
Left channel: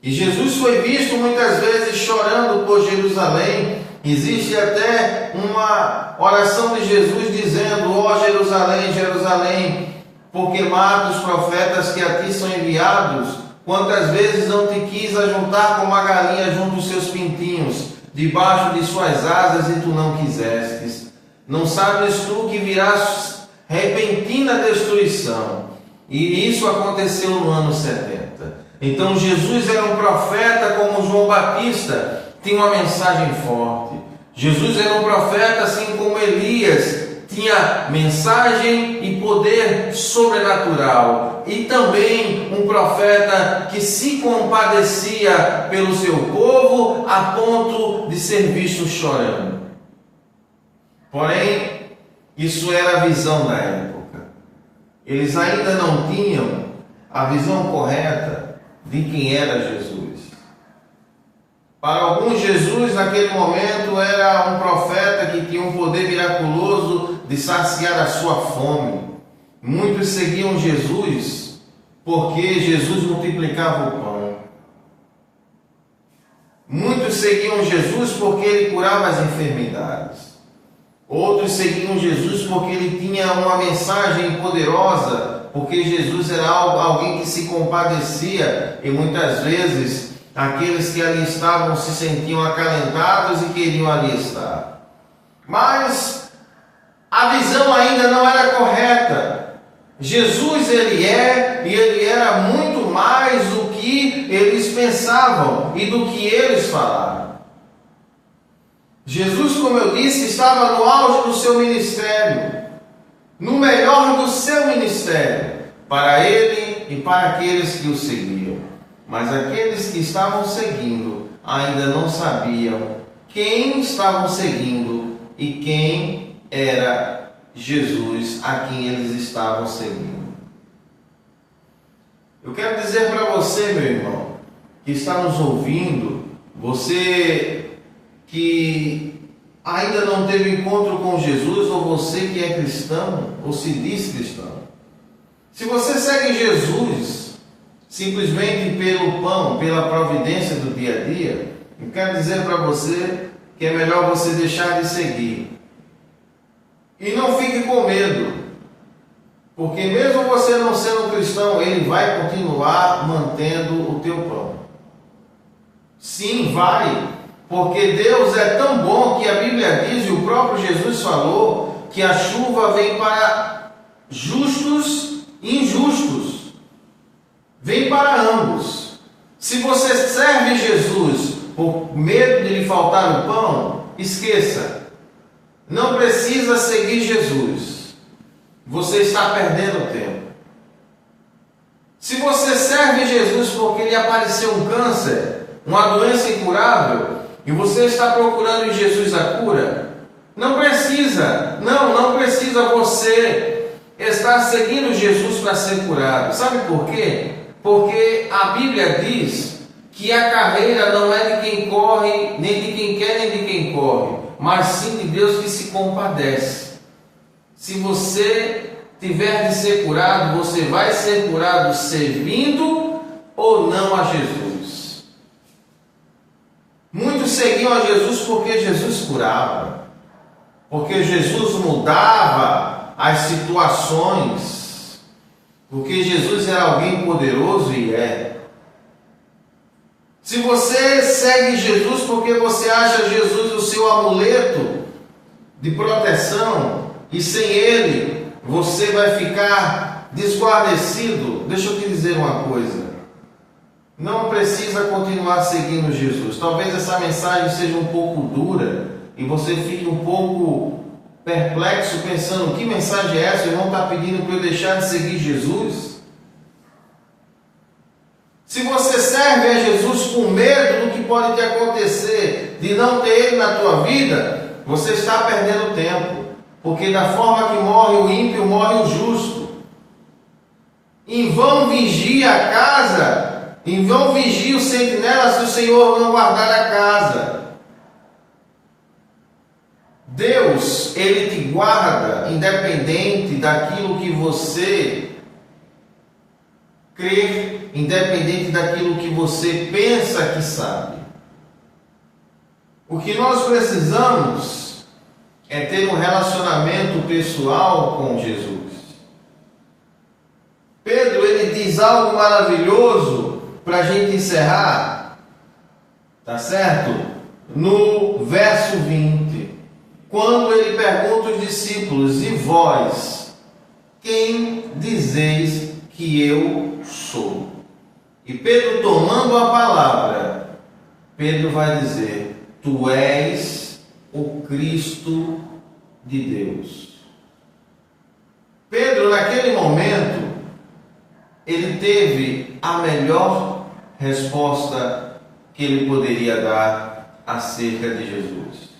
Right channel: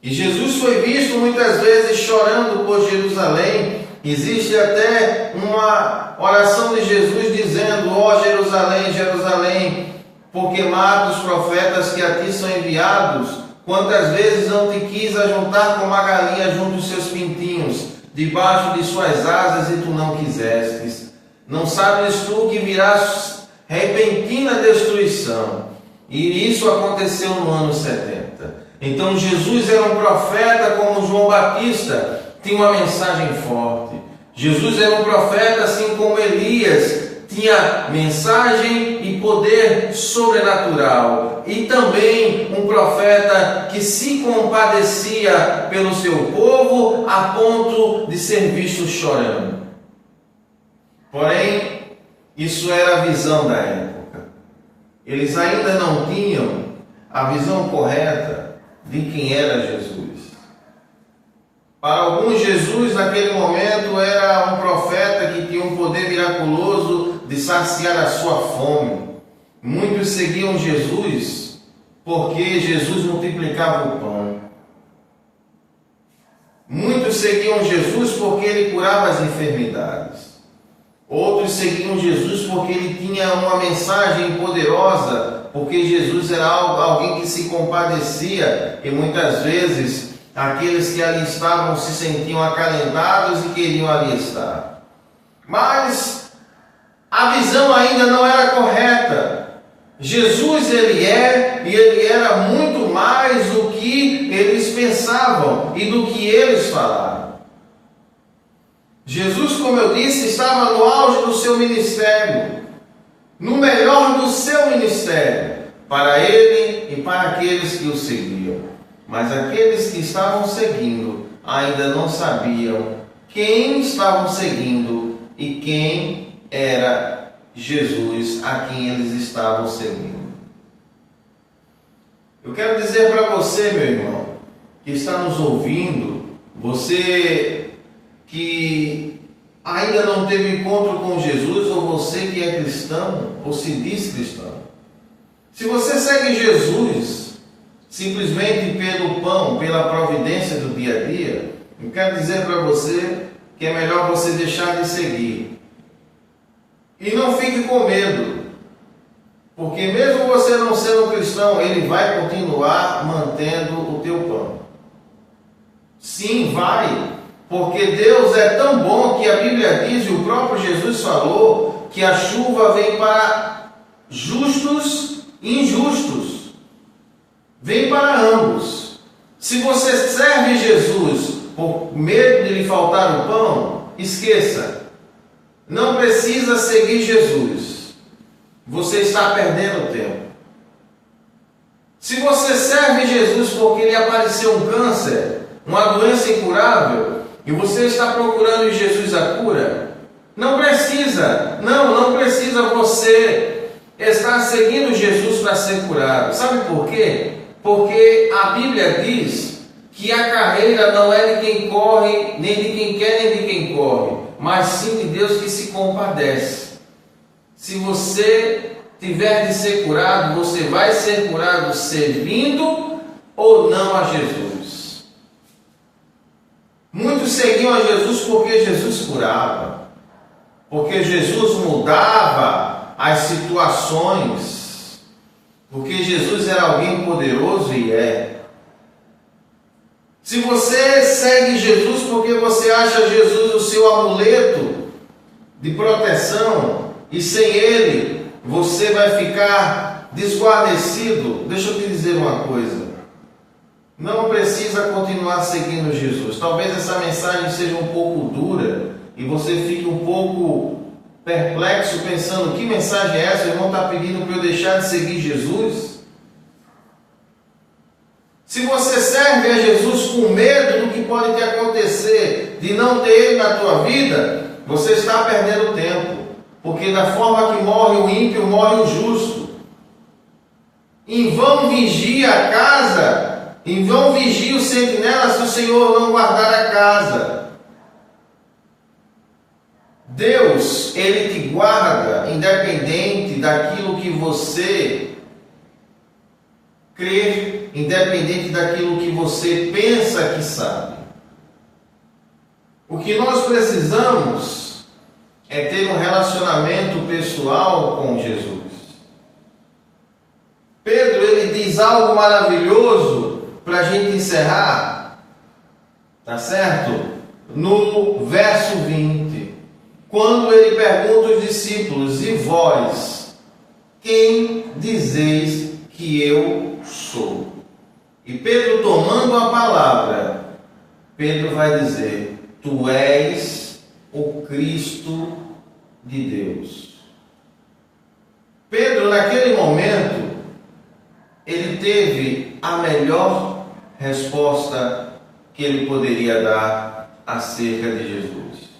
E Jesus foi visto muitas vezes chorando por Jerusalém. Existe até uma oração de Jesus dizendo: ó Jerusalém, Jerusalém, porque mata os profetas que a ti são enviados, quantas vezes não te quis ajuntar como uma galinha junto aos seus pintinhos. debaixo de suas asas e tu não quisestes. Não sabes tu que virás repentina destruição. E isso aconteceu no ano 70. Então Jesus era um profeta como João Batista, tinha uma mensagem forte. Jesus era um profeta assim como Elias, tinha mensagem e poder sobrenatural. E também um profeta que se compadecia pelo seu povo a ponto de ser visto chorando. Porém, isso era a visão da época. Eles ainda não tinham a visão correta de quem era Jesus. Para alguns, Jesus naquele momento era um profeta que tinha um poder miraculoso de saciar a sua fome. Muitos seguiam Jesus porque Jesus multiplicava o pão. Muitos seguiam Jesus porque ele curava as enfermidades. Outros seguiam Jesus porque ele tinha uma mensagem poderosa, porque Jesus era alguém que se compadecia, e muitas vezes aqueles que ali estavam se sentiam acalentados e queriam ali estar. Mas a visão ainda não era correta. Jesus ele é, e ele era muito mais do que eles pensavam e do que eles falaram. Jesus, como eu disse, estava no auge do seu ministério, no melhor do seu ministério, para ele e para aqueles que o seguiam. Mas aqueles que estavam seguindo ainda não sabiam quem estavam seguindo e quem era Jesus a quem eles estavam seguindo. Eu quero dizer para você, meu irmão, que está nos ouvindo, você que ainda não teve encontro com Jesus, ou você que é cristão, ou se diz cristão. Se você segue Jesus simplesmente pelo pão, pela providência do dia a dia, eu quero dizer para você que é melhor você deixar de seguir. E não fique com medo, porque mesmo você não sendo um cristão, ele vai continuar mantendo o teu pão. Sim, vai. Porque Deus é tão bom que a Bíblia diz, e o próprio Jesus falou, que a chuva vem para justos e injustos. Vem para ambos. Se você serve Jesus por medo de lhe faltar o pão, esqueça. Não precisa seguir Jesus. Você está perdendo tempo. Se você serve Jesus porque lhe apareceu um câncer, uma doença incurável, e você está procurando em Jesus a cura, não precisa você estar seguindo Jesus para ser curado. Sabe por quê? Porque a Bíblia diz que a carreira não é de quem corre, nem de quem quer, nem de quem corre, mas sim de Deus que se compadece. Se você tiver de ser curado, você vai ser curado servindo ou não a Jesus. Muitos seguiam a Jesus porque Jesus curava, porque Jesus mudava as situações, porque Jesus era alguém poderoso e é. Se você segue Jesus porque você acha Jesus o seu amuleto de proteção, e sem ele você vai ficar desguarnecido, deixa eu te dizer uma coisa. Não precisa continuar seguindo Jesus. Talvez essa mensagem seja um pouco dura e você fique um pouco perplexo pensando, que mensagem é essa? O irmão está pedindo para eu deixar de seguir Jesus? Se você serve a Jesus com medo do que pode te acontecer, de não ter Ele na tua vida, você está perdendo tempo. Porque da forma que morre o ímpio, morre o justo. Em vão vigia a casa, em vão vigia o sentinela se o Senhor não guardar a casa. Deus, Ele te guarda independente daquilo que você crê, independente daquilo que você pensa que sabe. O que nós precisamos é ter um relacionamento pessoal com Jesus. Pedro, ele diz algo maravilhoso para a gente encerrar, tá certo? no verso 20, quando ele pergunta aos discípulos: e vós, quem dizeis que eu sou? E Pedro, tomando a palavra, Pedro vai dizer: tu és o Cristo de Deus. Pedro, naquele momento, ele teve a melhor resposta que ele poderia dar acerca de Jesus.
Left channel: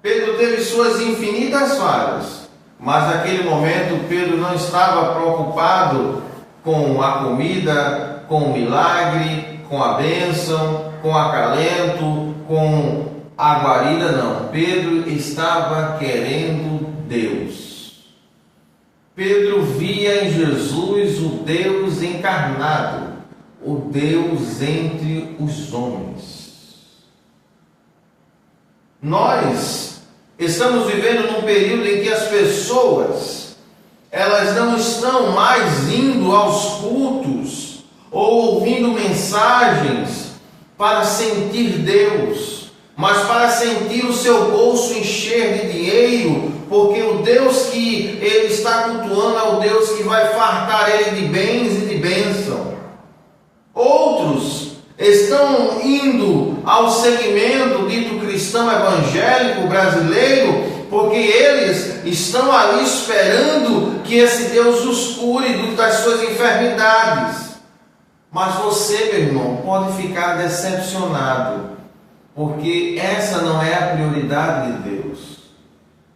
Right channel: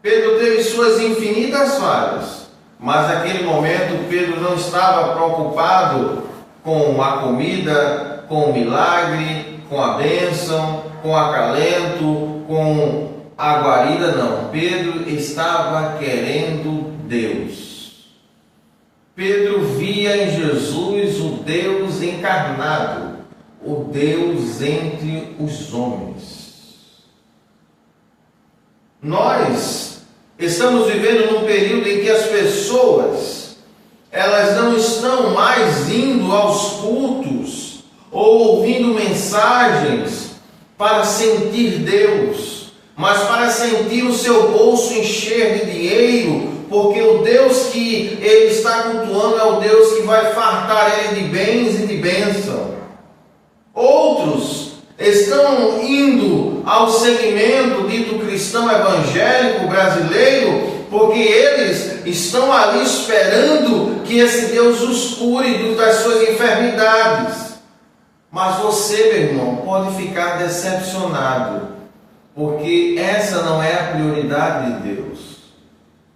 Pedro teve suas infinitas falhas, mas naquele momento Pedro não estava preocupado com a comida, com o milagre, com a bênção, com o acalento, com a guarida, não. Pedro estava querendo Deus. Pedro via em Jesus o Deus encarnado, o Deus entre os homens. Nós estamos vivendo num período em que as pessoas, elas não estão mais indo aos cultos ou ouvindo mensagens para sentir Deus, mas para sentir o seu bolso encher de dinheiro, porque o Deus que ele está cultuando é o Deus que vai fartar ele de bens e de bênção. Outros estão indo ao segmento dito cristão evangélico brasileiro, porque eles estão ali esperando que esse Deus os cure das suas enfermidades. Mas você, meu irmão, pode ficar decepcionado, porque essa não é a prioridade de Deus.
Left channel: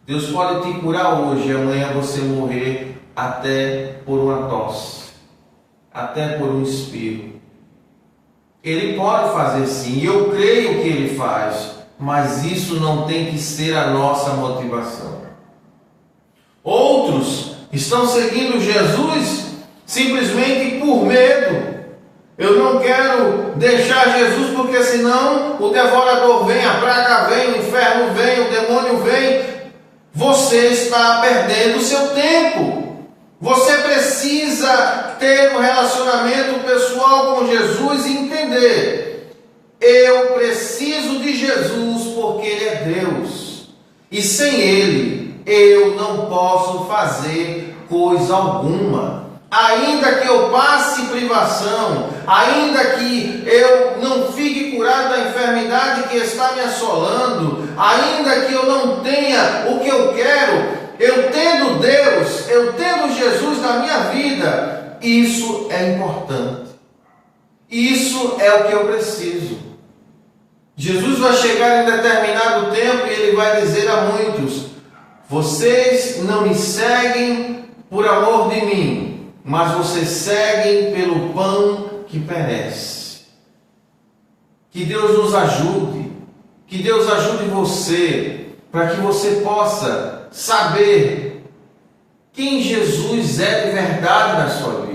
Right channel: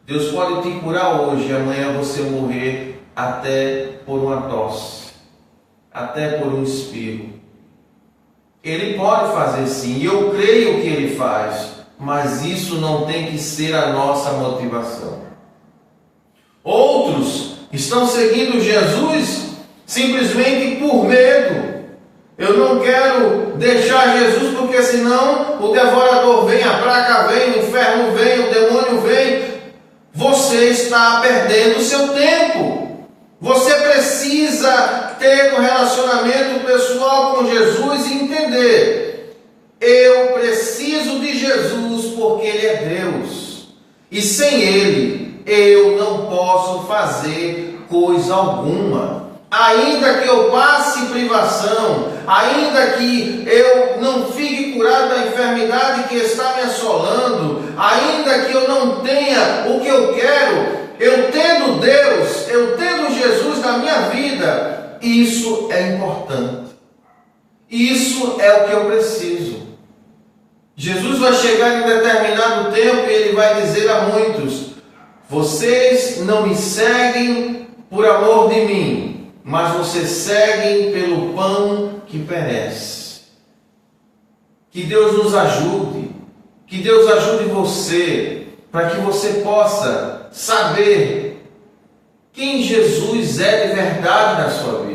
Deus pode te curar hoje e amanhã você morrer até por uma tosse, até por um espirro. Ele pode fazer sim, e eu creio que Ele faz, mas isso não tem que ser a nossa motivação. Outros estão seguindo Jesus simplesmente por medo. Eu não quero deixar Jesus porque senão o devorador vem, a praga vem, o inferno vem, o demônio vem. Você está perdendo o seu tempo. Você precisa ter um relacionamento pessoal com Jesus e entender: eu preciso de Jesus porque Ele é Deus. E sem Ele, eu não posso fazer coisa alguma. Ainda que eu passe privação, ainda que eu não fique curado da enfermidade que está me assolando, ainda que eu não tenha o que eu quero, eu tendo Deus, eu tendo Jesus na minha vida, isso é importante. Isso é o que eu preciso. Jesus vai chegar em determinado tempo e Ele vai dizer a muitos: vocês não me seguem por amor de mim, mas vocês seguem pelo pão que perece. Que Deus nos ajude, que Deus ajude você, para que você possa saber quem Jesus é de verdade na sua vida.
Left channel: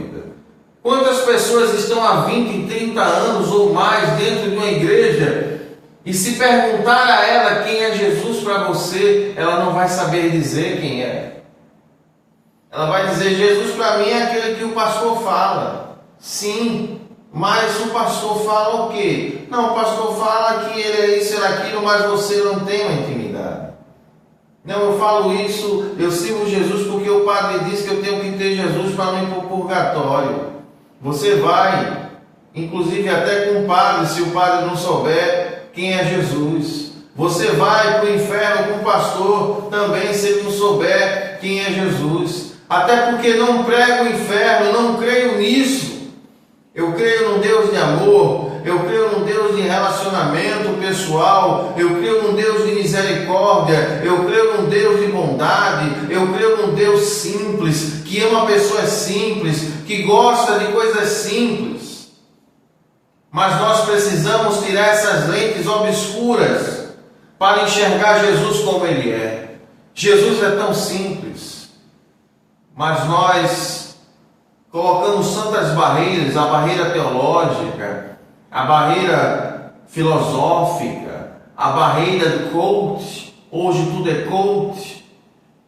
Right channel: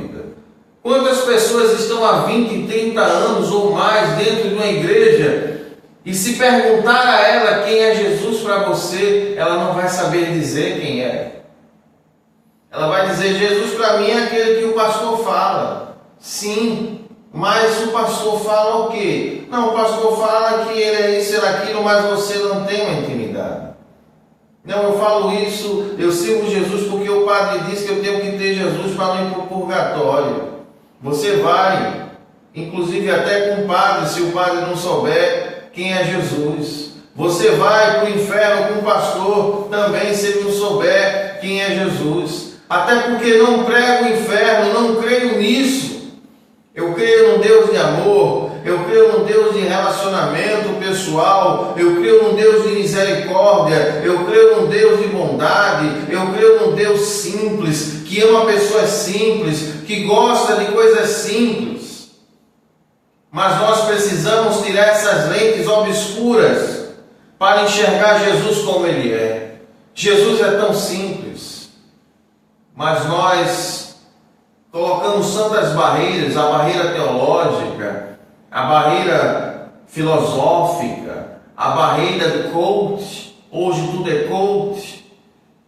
Quantas pessoas estão há 20, 30 anos ou mais dentro de uma igreja, e se perguntar a ela quem é Jesus para você, ela não vai saber dizer quem é. Ela vai dizer: Jesus para mim é aquele que o pastor fala. Sim, mas o pastor fala o quê? Não, o pastor fala que ele é isso, ele é aquilo, mas você não tem uma intimidade. Não, eu falo isso, eu sirvo Jesus porque o padre diz que eu tenho que ter Jesus para não ir para o purgatório. Você vai, inclusive até com o padre, se o padre não souber quem é Jesus. Você vai para o inferno com o pastor também, se ele não souber quem é Jesus. Até porque não prego o inferno, não creio nisso. Eu creio num Deus de amor, eu creio num Deus de relacionamento pessoal, eu creio num Deus de misericórdia, eu creio num Deus de bondade, eu creio num Deus simples, que ama pessoas simples, que gosta de coisas simples. Mas nós precisamos tirar essas lentes obscuras para enxergar Jesus como Ele é. Jesus é tão simples. Mas nós colocamos tantas barreiras, a barreira teológica, a barreira filosófica, a barreira do coach. Hoje tudo é coach,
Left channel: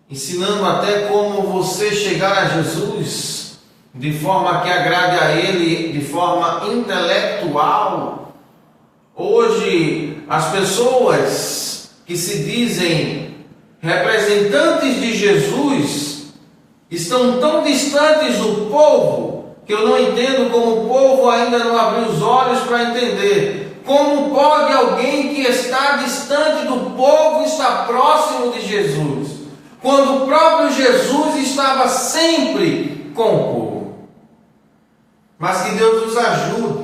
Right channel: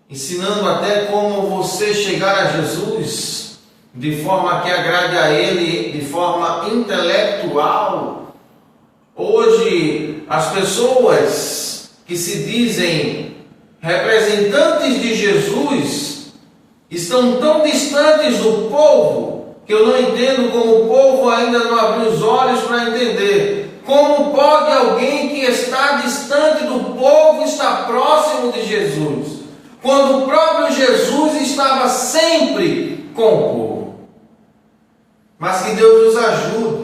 ensinando até como você chegar a Jesus de forma que agrade a Ele, de forma intelectual. Hoje, as pessoas que se dizem representantes de Jesus estão tão distantes do povo que eu não entendo como o povo ainda não abriu os olhos para entender. Como pode alguém que está distante do povo estar próximo de Jesus, quando o próprio Jesus estava sempre com o povo? Mas que Deus nos ajude,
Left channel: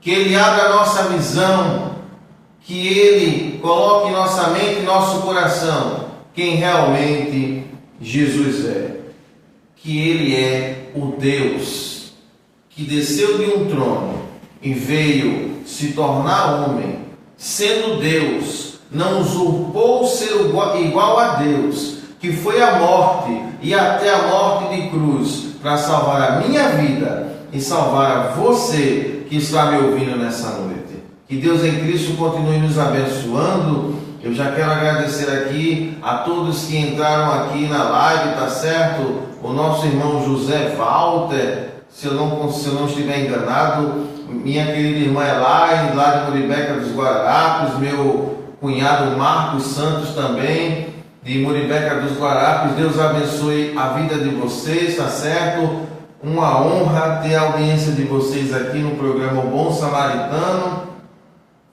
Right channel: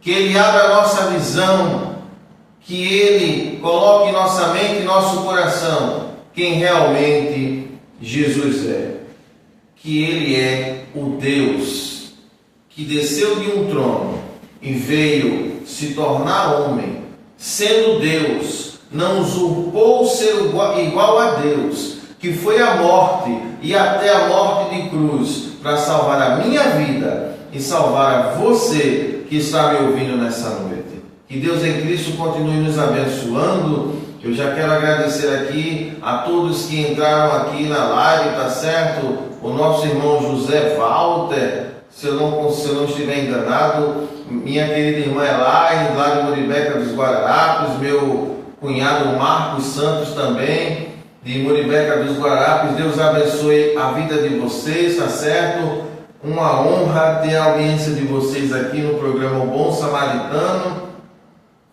que Ele abra a nossa visão, que Ele coloque em nossa mente e nosso coração quem realmente Jesus é. Que Ele é o Deus que desceu de um trono e veio se tornar homem, sendo Deus, não usurpou ser igual a Deus, que foi à morte e até a morte de cruz, para salvar a minha vida e salvar a você que está me ouvindo nessa noite. Que Deus em Cristo continue nos abençoando. Eu já quero agradecer aqui a todos que entraram aqui na live, tá certo? O nosso irmão José Walter, se eu não estiver enganado, minha querida irmã Elaine, lá de Muribeca dos Guararapes, meu cunhado Marcos Santos também, de Muribeca dos Guararapes. Deus abençoe a vida de vocês, tá certo? Uma honra ter a audiência de vocês aqui no programa O Bom Samaritano.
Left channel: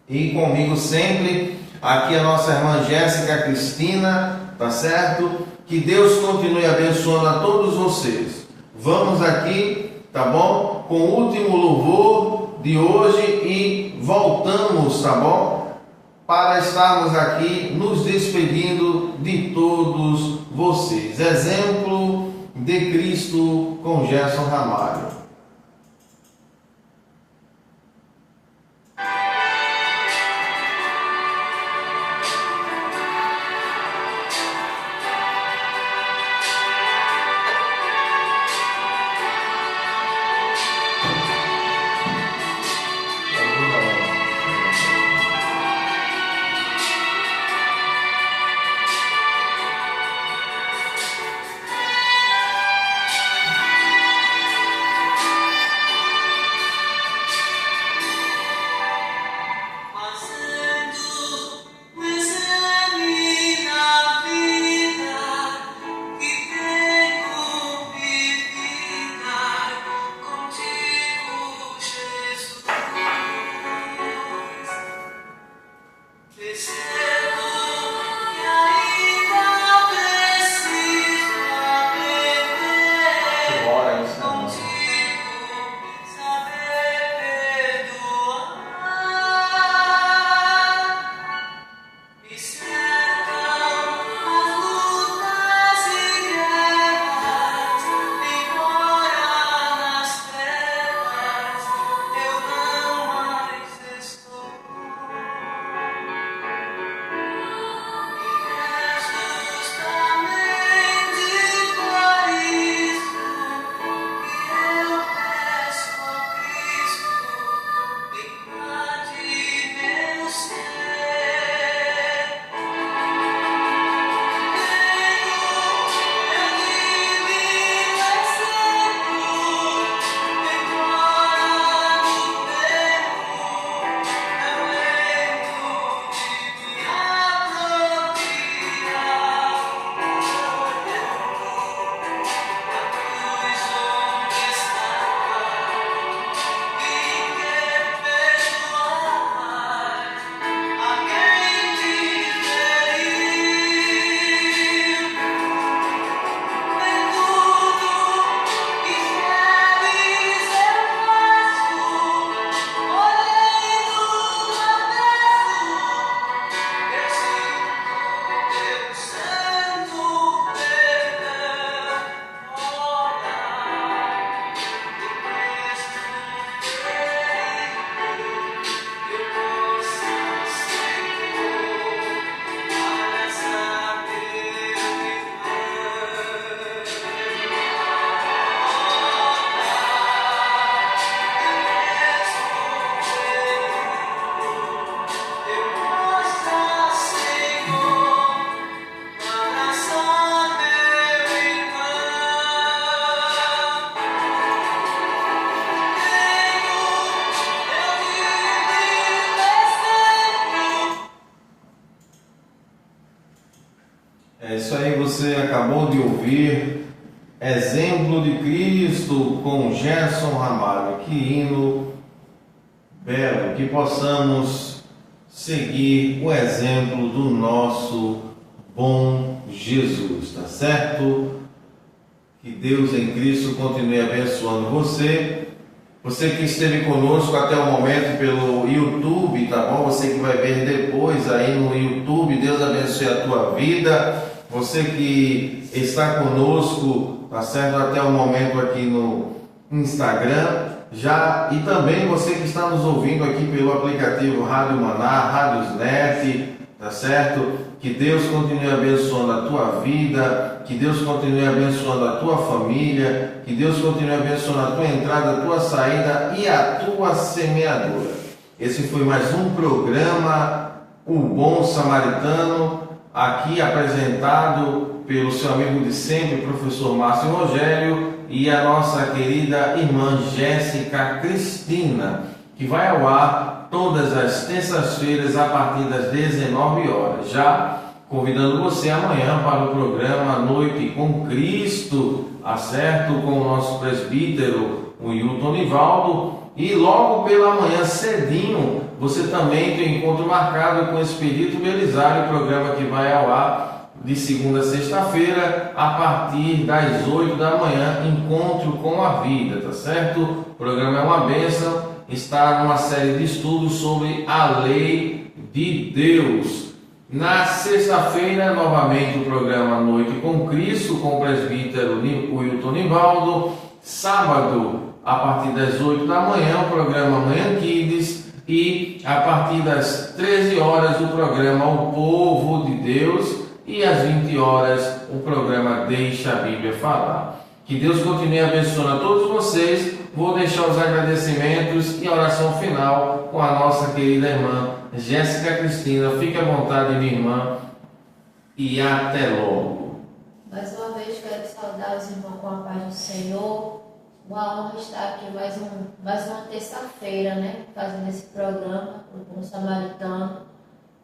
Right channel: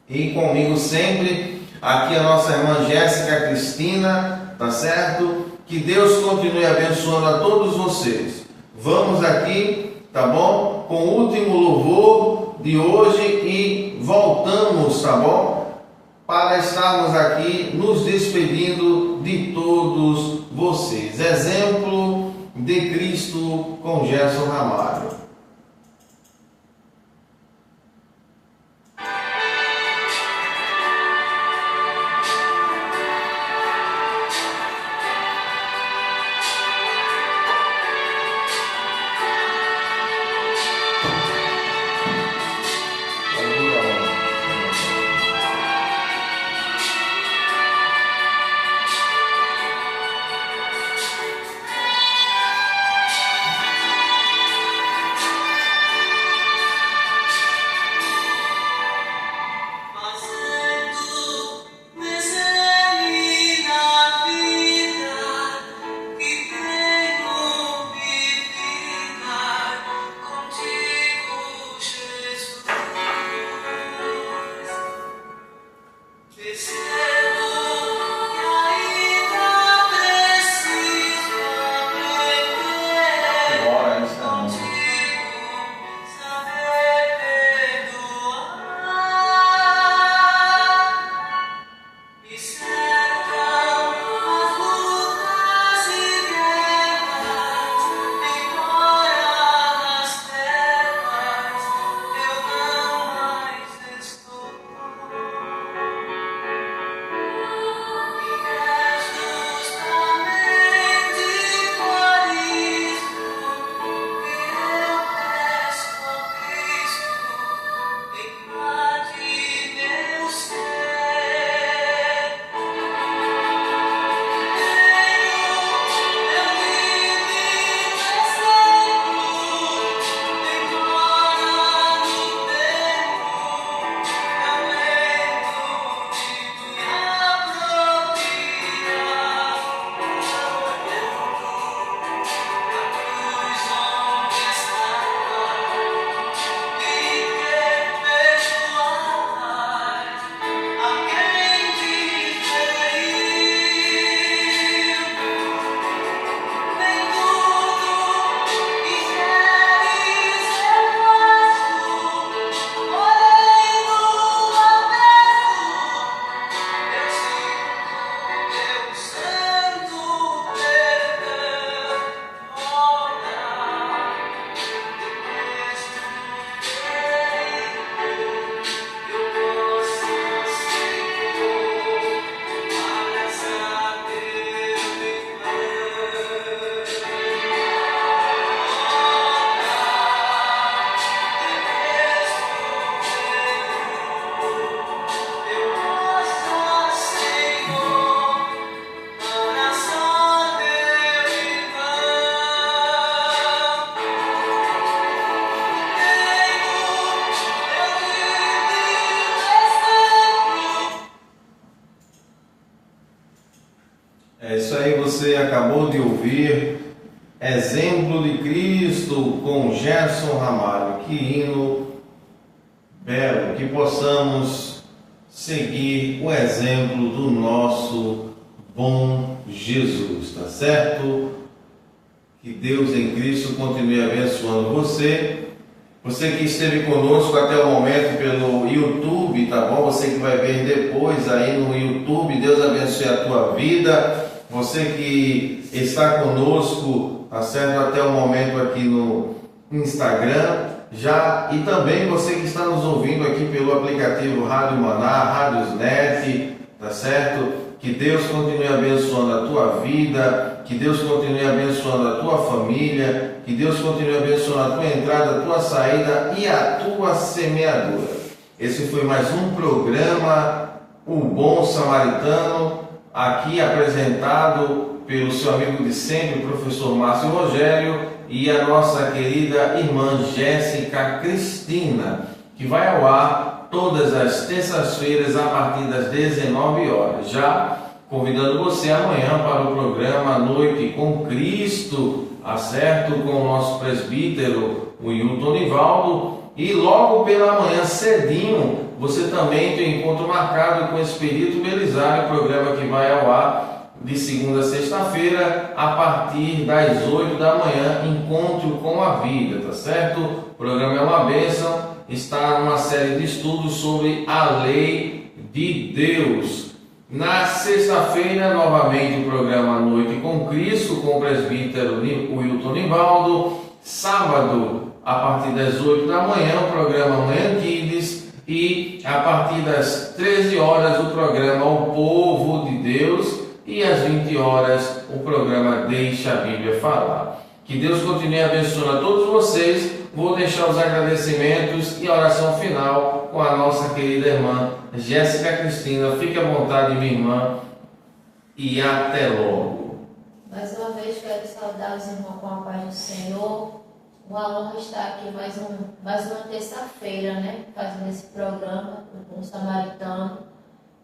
E comigo sempre, aqui a nossa irmã Jéssica Cristina, tá certo? Que Deus continue abençoando a todos vocês. Vamos aqui, tá bom? Com o último louvor de hoje e voltamos, tá bom? Para estarmos aqui nos despedindo de todos vocês. Exemplo de Cristo com Gerson Ramalho. você acabou de ouvir Exemplo de Cristo com Gerson Ramalho. Que hino belo, que possamos seguir o exemplo do nosso bom Jesus, tá certo? Que Deus em Cristo continue abençoando você. Você que esteve conosco até o momento pelo YouTube, tá bom? Você que vai ver depois aí no YouTube, Deus abençoe a tua vida. Você que está conosco, tá certo? Até o momento aqui no Instagram, e também você que está nos ouvindo aqui pelo aplicativo Rádio Maná, Rádios Net, tá certo? Que Deus continue abençoando a tua vida, que Deus continue abençoando a tua família, que Deus continue abençoando a tua entrada, a tua saída e a tua semeadura. Esse foi mais um programa, O Bom Samaritano, aqui apresentado pelo seu amigo de sempre, professor Márcio Rogério, e a nossa querida irmã Jéssica Cristina, que vai ao ar todas as terças-feiras a partir das 19 horas. Já convidando você amanhã para o programa Noite com Cristo, acerto com o nosso presbítero, o Hilton Nivaldo, e logo pela manhã cedinho você também tem um encontro marcado com o Espírito Belisário, programa que vai ao ar de segunda a sexta-feira, a partir das 8 da manhã, Encontro com a Vida, tá certo? O programa é uma bênção, está numa série de estudos sobre a lei de Deus. Na sexta-feira, novamente, o programa Noite com Cristo, com o presbítero Wilton Nivaldo. Sábado, a partir das 8 da manhã, o programa Manhã Kids. E a partir das 13 horas, o programa O Povo de Deus. E às 20 horas, o programa Deixa a Bíblia Falar. Que Deus continue abençoando a todos vocês. Vou deixar os agradecimentos e a oração final com a nossa querida irmã Jéssica Cristina. Fique à vontade, minha irmã, e até logo. Mais uma vez quero saudar os irmãos com a paz do Senhor. Uma honra estar aqui mais uma terça-feira, né? Fazendo esse programa, o Bom Samaritano.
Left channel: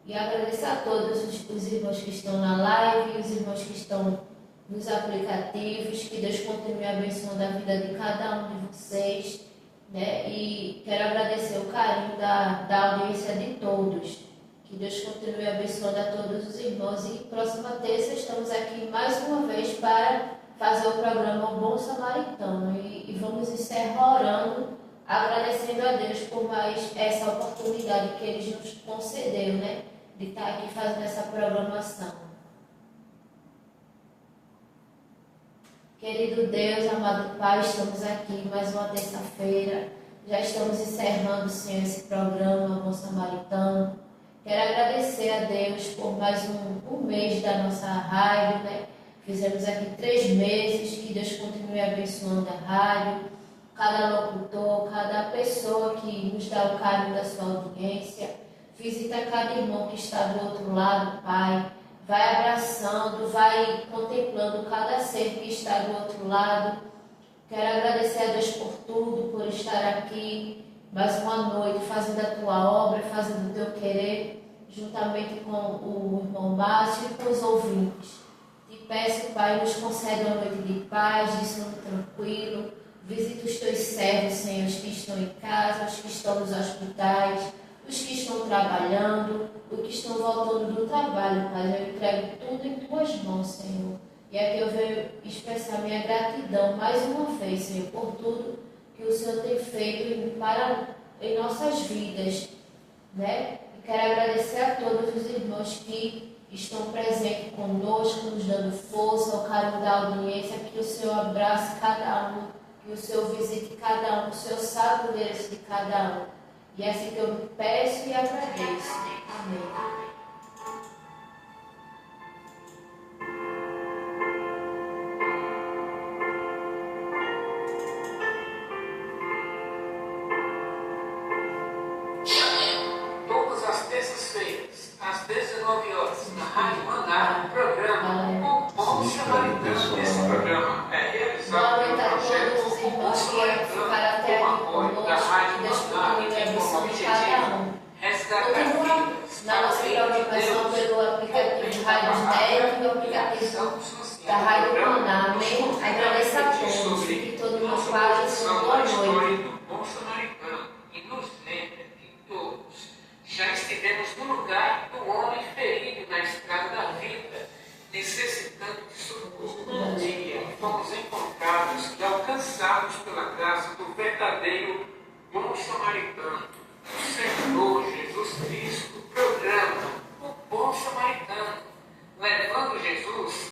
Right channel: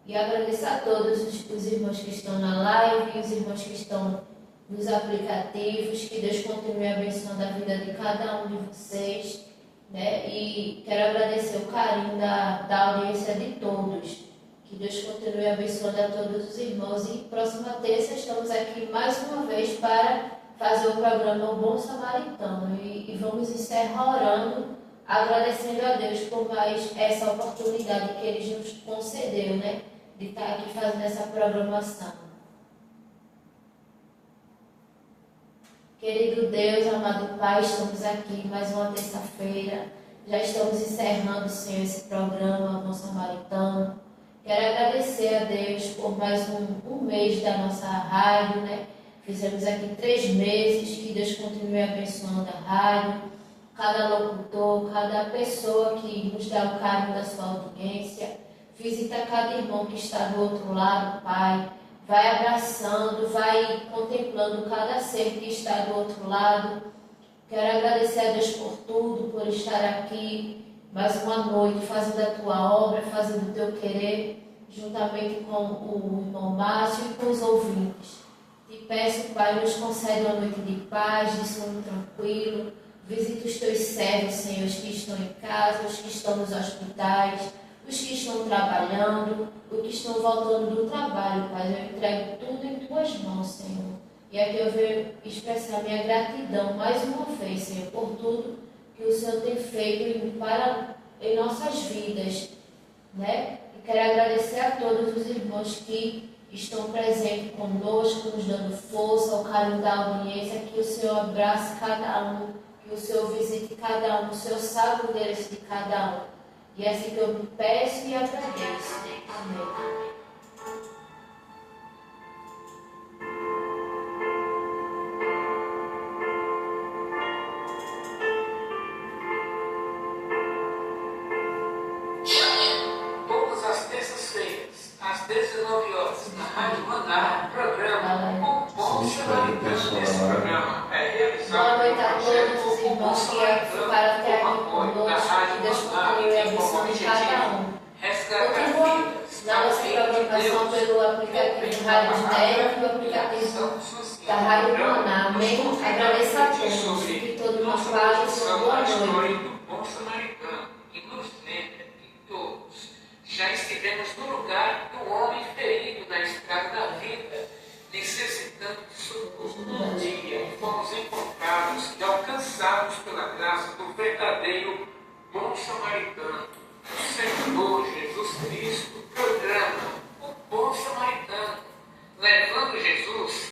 E agradeço a todos os irmãos que estão na live, os irmãos que estão nos aplicativos. Que Deus continue abençoando a vida de cada um de vocês, né? E quero agradecer o carinho da audiência de todos. Que Deus continue abençoando a todos os irmãos. E próxima terça estamos aqui mais uma vez para fazer o programa O Bom Samaritano. E vamos encerrar orando, agradecendo a Deus por mais essa oportunidade que Ele nos concedeu, né? De estar aqui fazendo essa programação. Querido Deus, amado Pai, estamos aqui mais uma terça-feira. Já estamos encerrando, Senhor, esse programa Bom Samaritano. Quero agradecer a Deus por mais um mês da nossa rádio, né? Fizemos aqui 3 meses. Que Deus continue abençoando a rádio, cada locutor, cada pessoa que nos dá o carinho da sua audiência. Visita cada irmão que está do outro lado, Pai. Vai abraçando, vai contemplando cada ser que está do outro lado. Quero agradecer a Deus por tudo, por estar aqui mais uma noite, fazendo a Tua obra, fazendo o Teu querer, juntamente com o irmão Márcio e com os ouvintes. Te peço, Pai, nos concede uma noite de paz, de sono tranquilo. Visita os Teus servos, Senhor, os que estão em casa, os que estão nos hospitais, os que estão trabalhando, os que estão voltando do trabalho, Pai. Eu entrego tudo em Tuas mãos, Senhor. E aqui eu venho expressar minha gratidão mais uma vez, Senhor, por tudo que o Senhor tem feito em nossas vidas, né? E quero agradecer a todos os irmãos que estão presentes conosco, nos dando força, o carinho da audiência. Que o Senhor abrace cada um, que o Senhor visite cada um, que o Senhor sabe o endereço de cada um. E é assim que eu me peço e agradeço. Amém. Todas as terças-feiras, às 19 horas, na Rádio Maná, programa O Bom Samaritano. Esse programa é realizado Boa noite a todos os irmãos que ficaram até aqui conosco. Que Deus continue abençoando cada um. Continua na nossa programação pelo aplicativo Rádio Net, pelo aplicativo da Rádio Maná. Amém? Agradeço a todos. Que todo mundo paz, uma boa noite. Bom samaritano, e nos lembra que todos já estivemos no lugar do homem ferido na estrada da vida, necessitando de socorro. Um dia fomos encontrados e alcançados pela graça do verdadeiro bom samaritano, o Senhor Jesus Cristo. Programa O Bom Samaritano, levando Jesus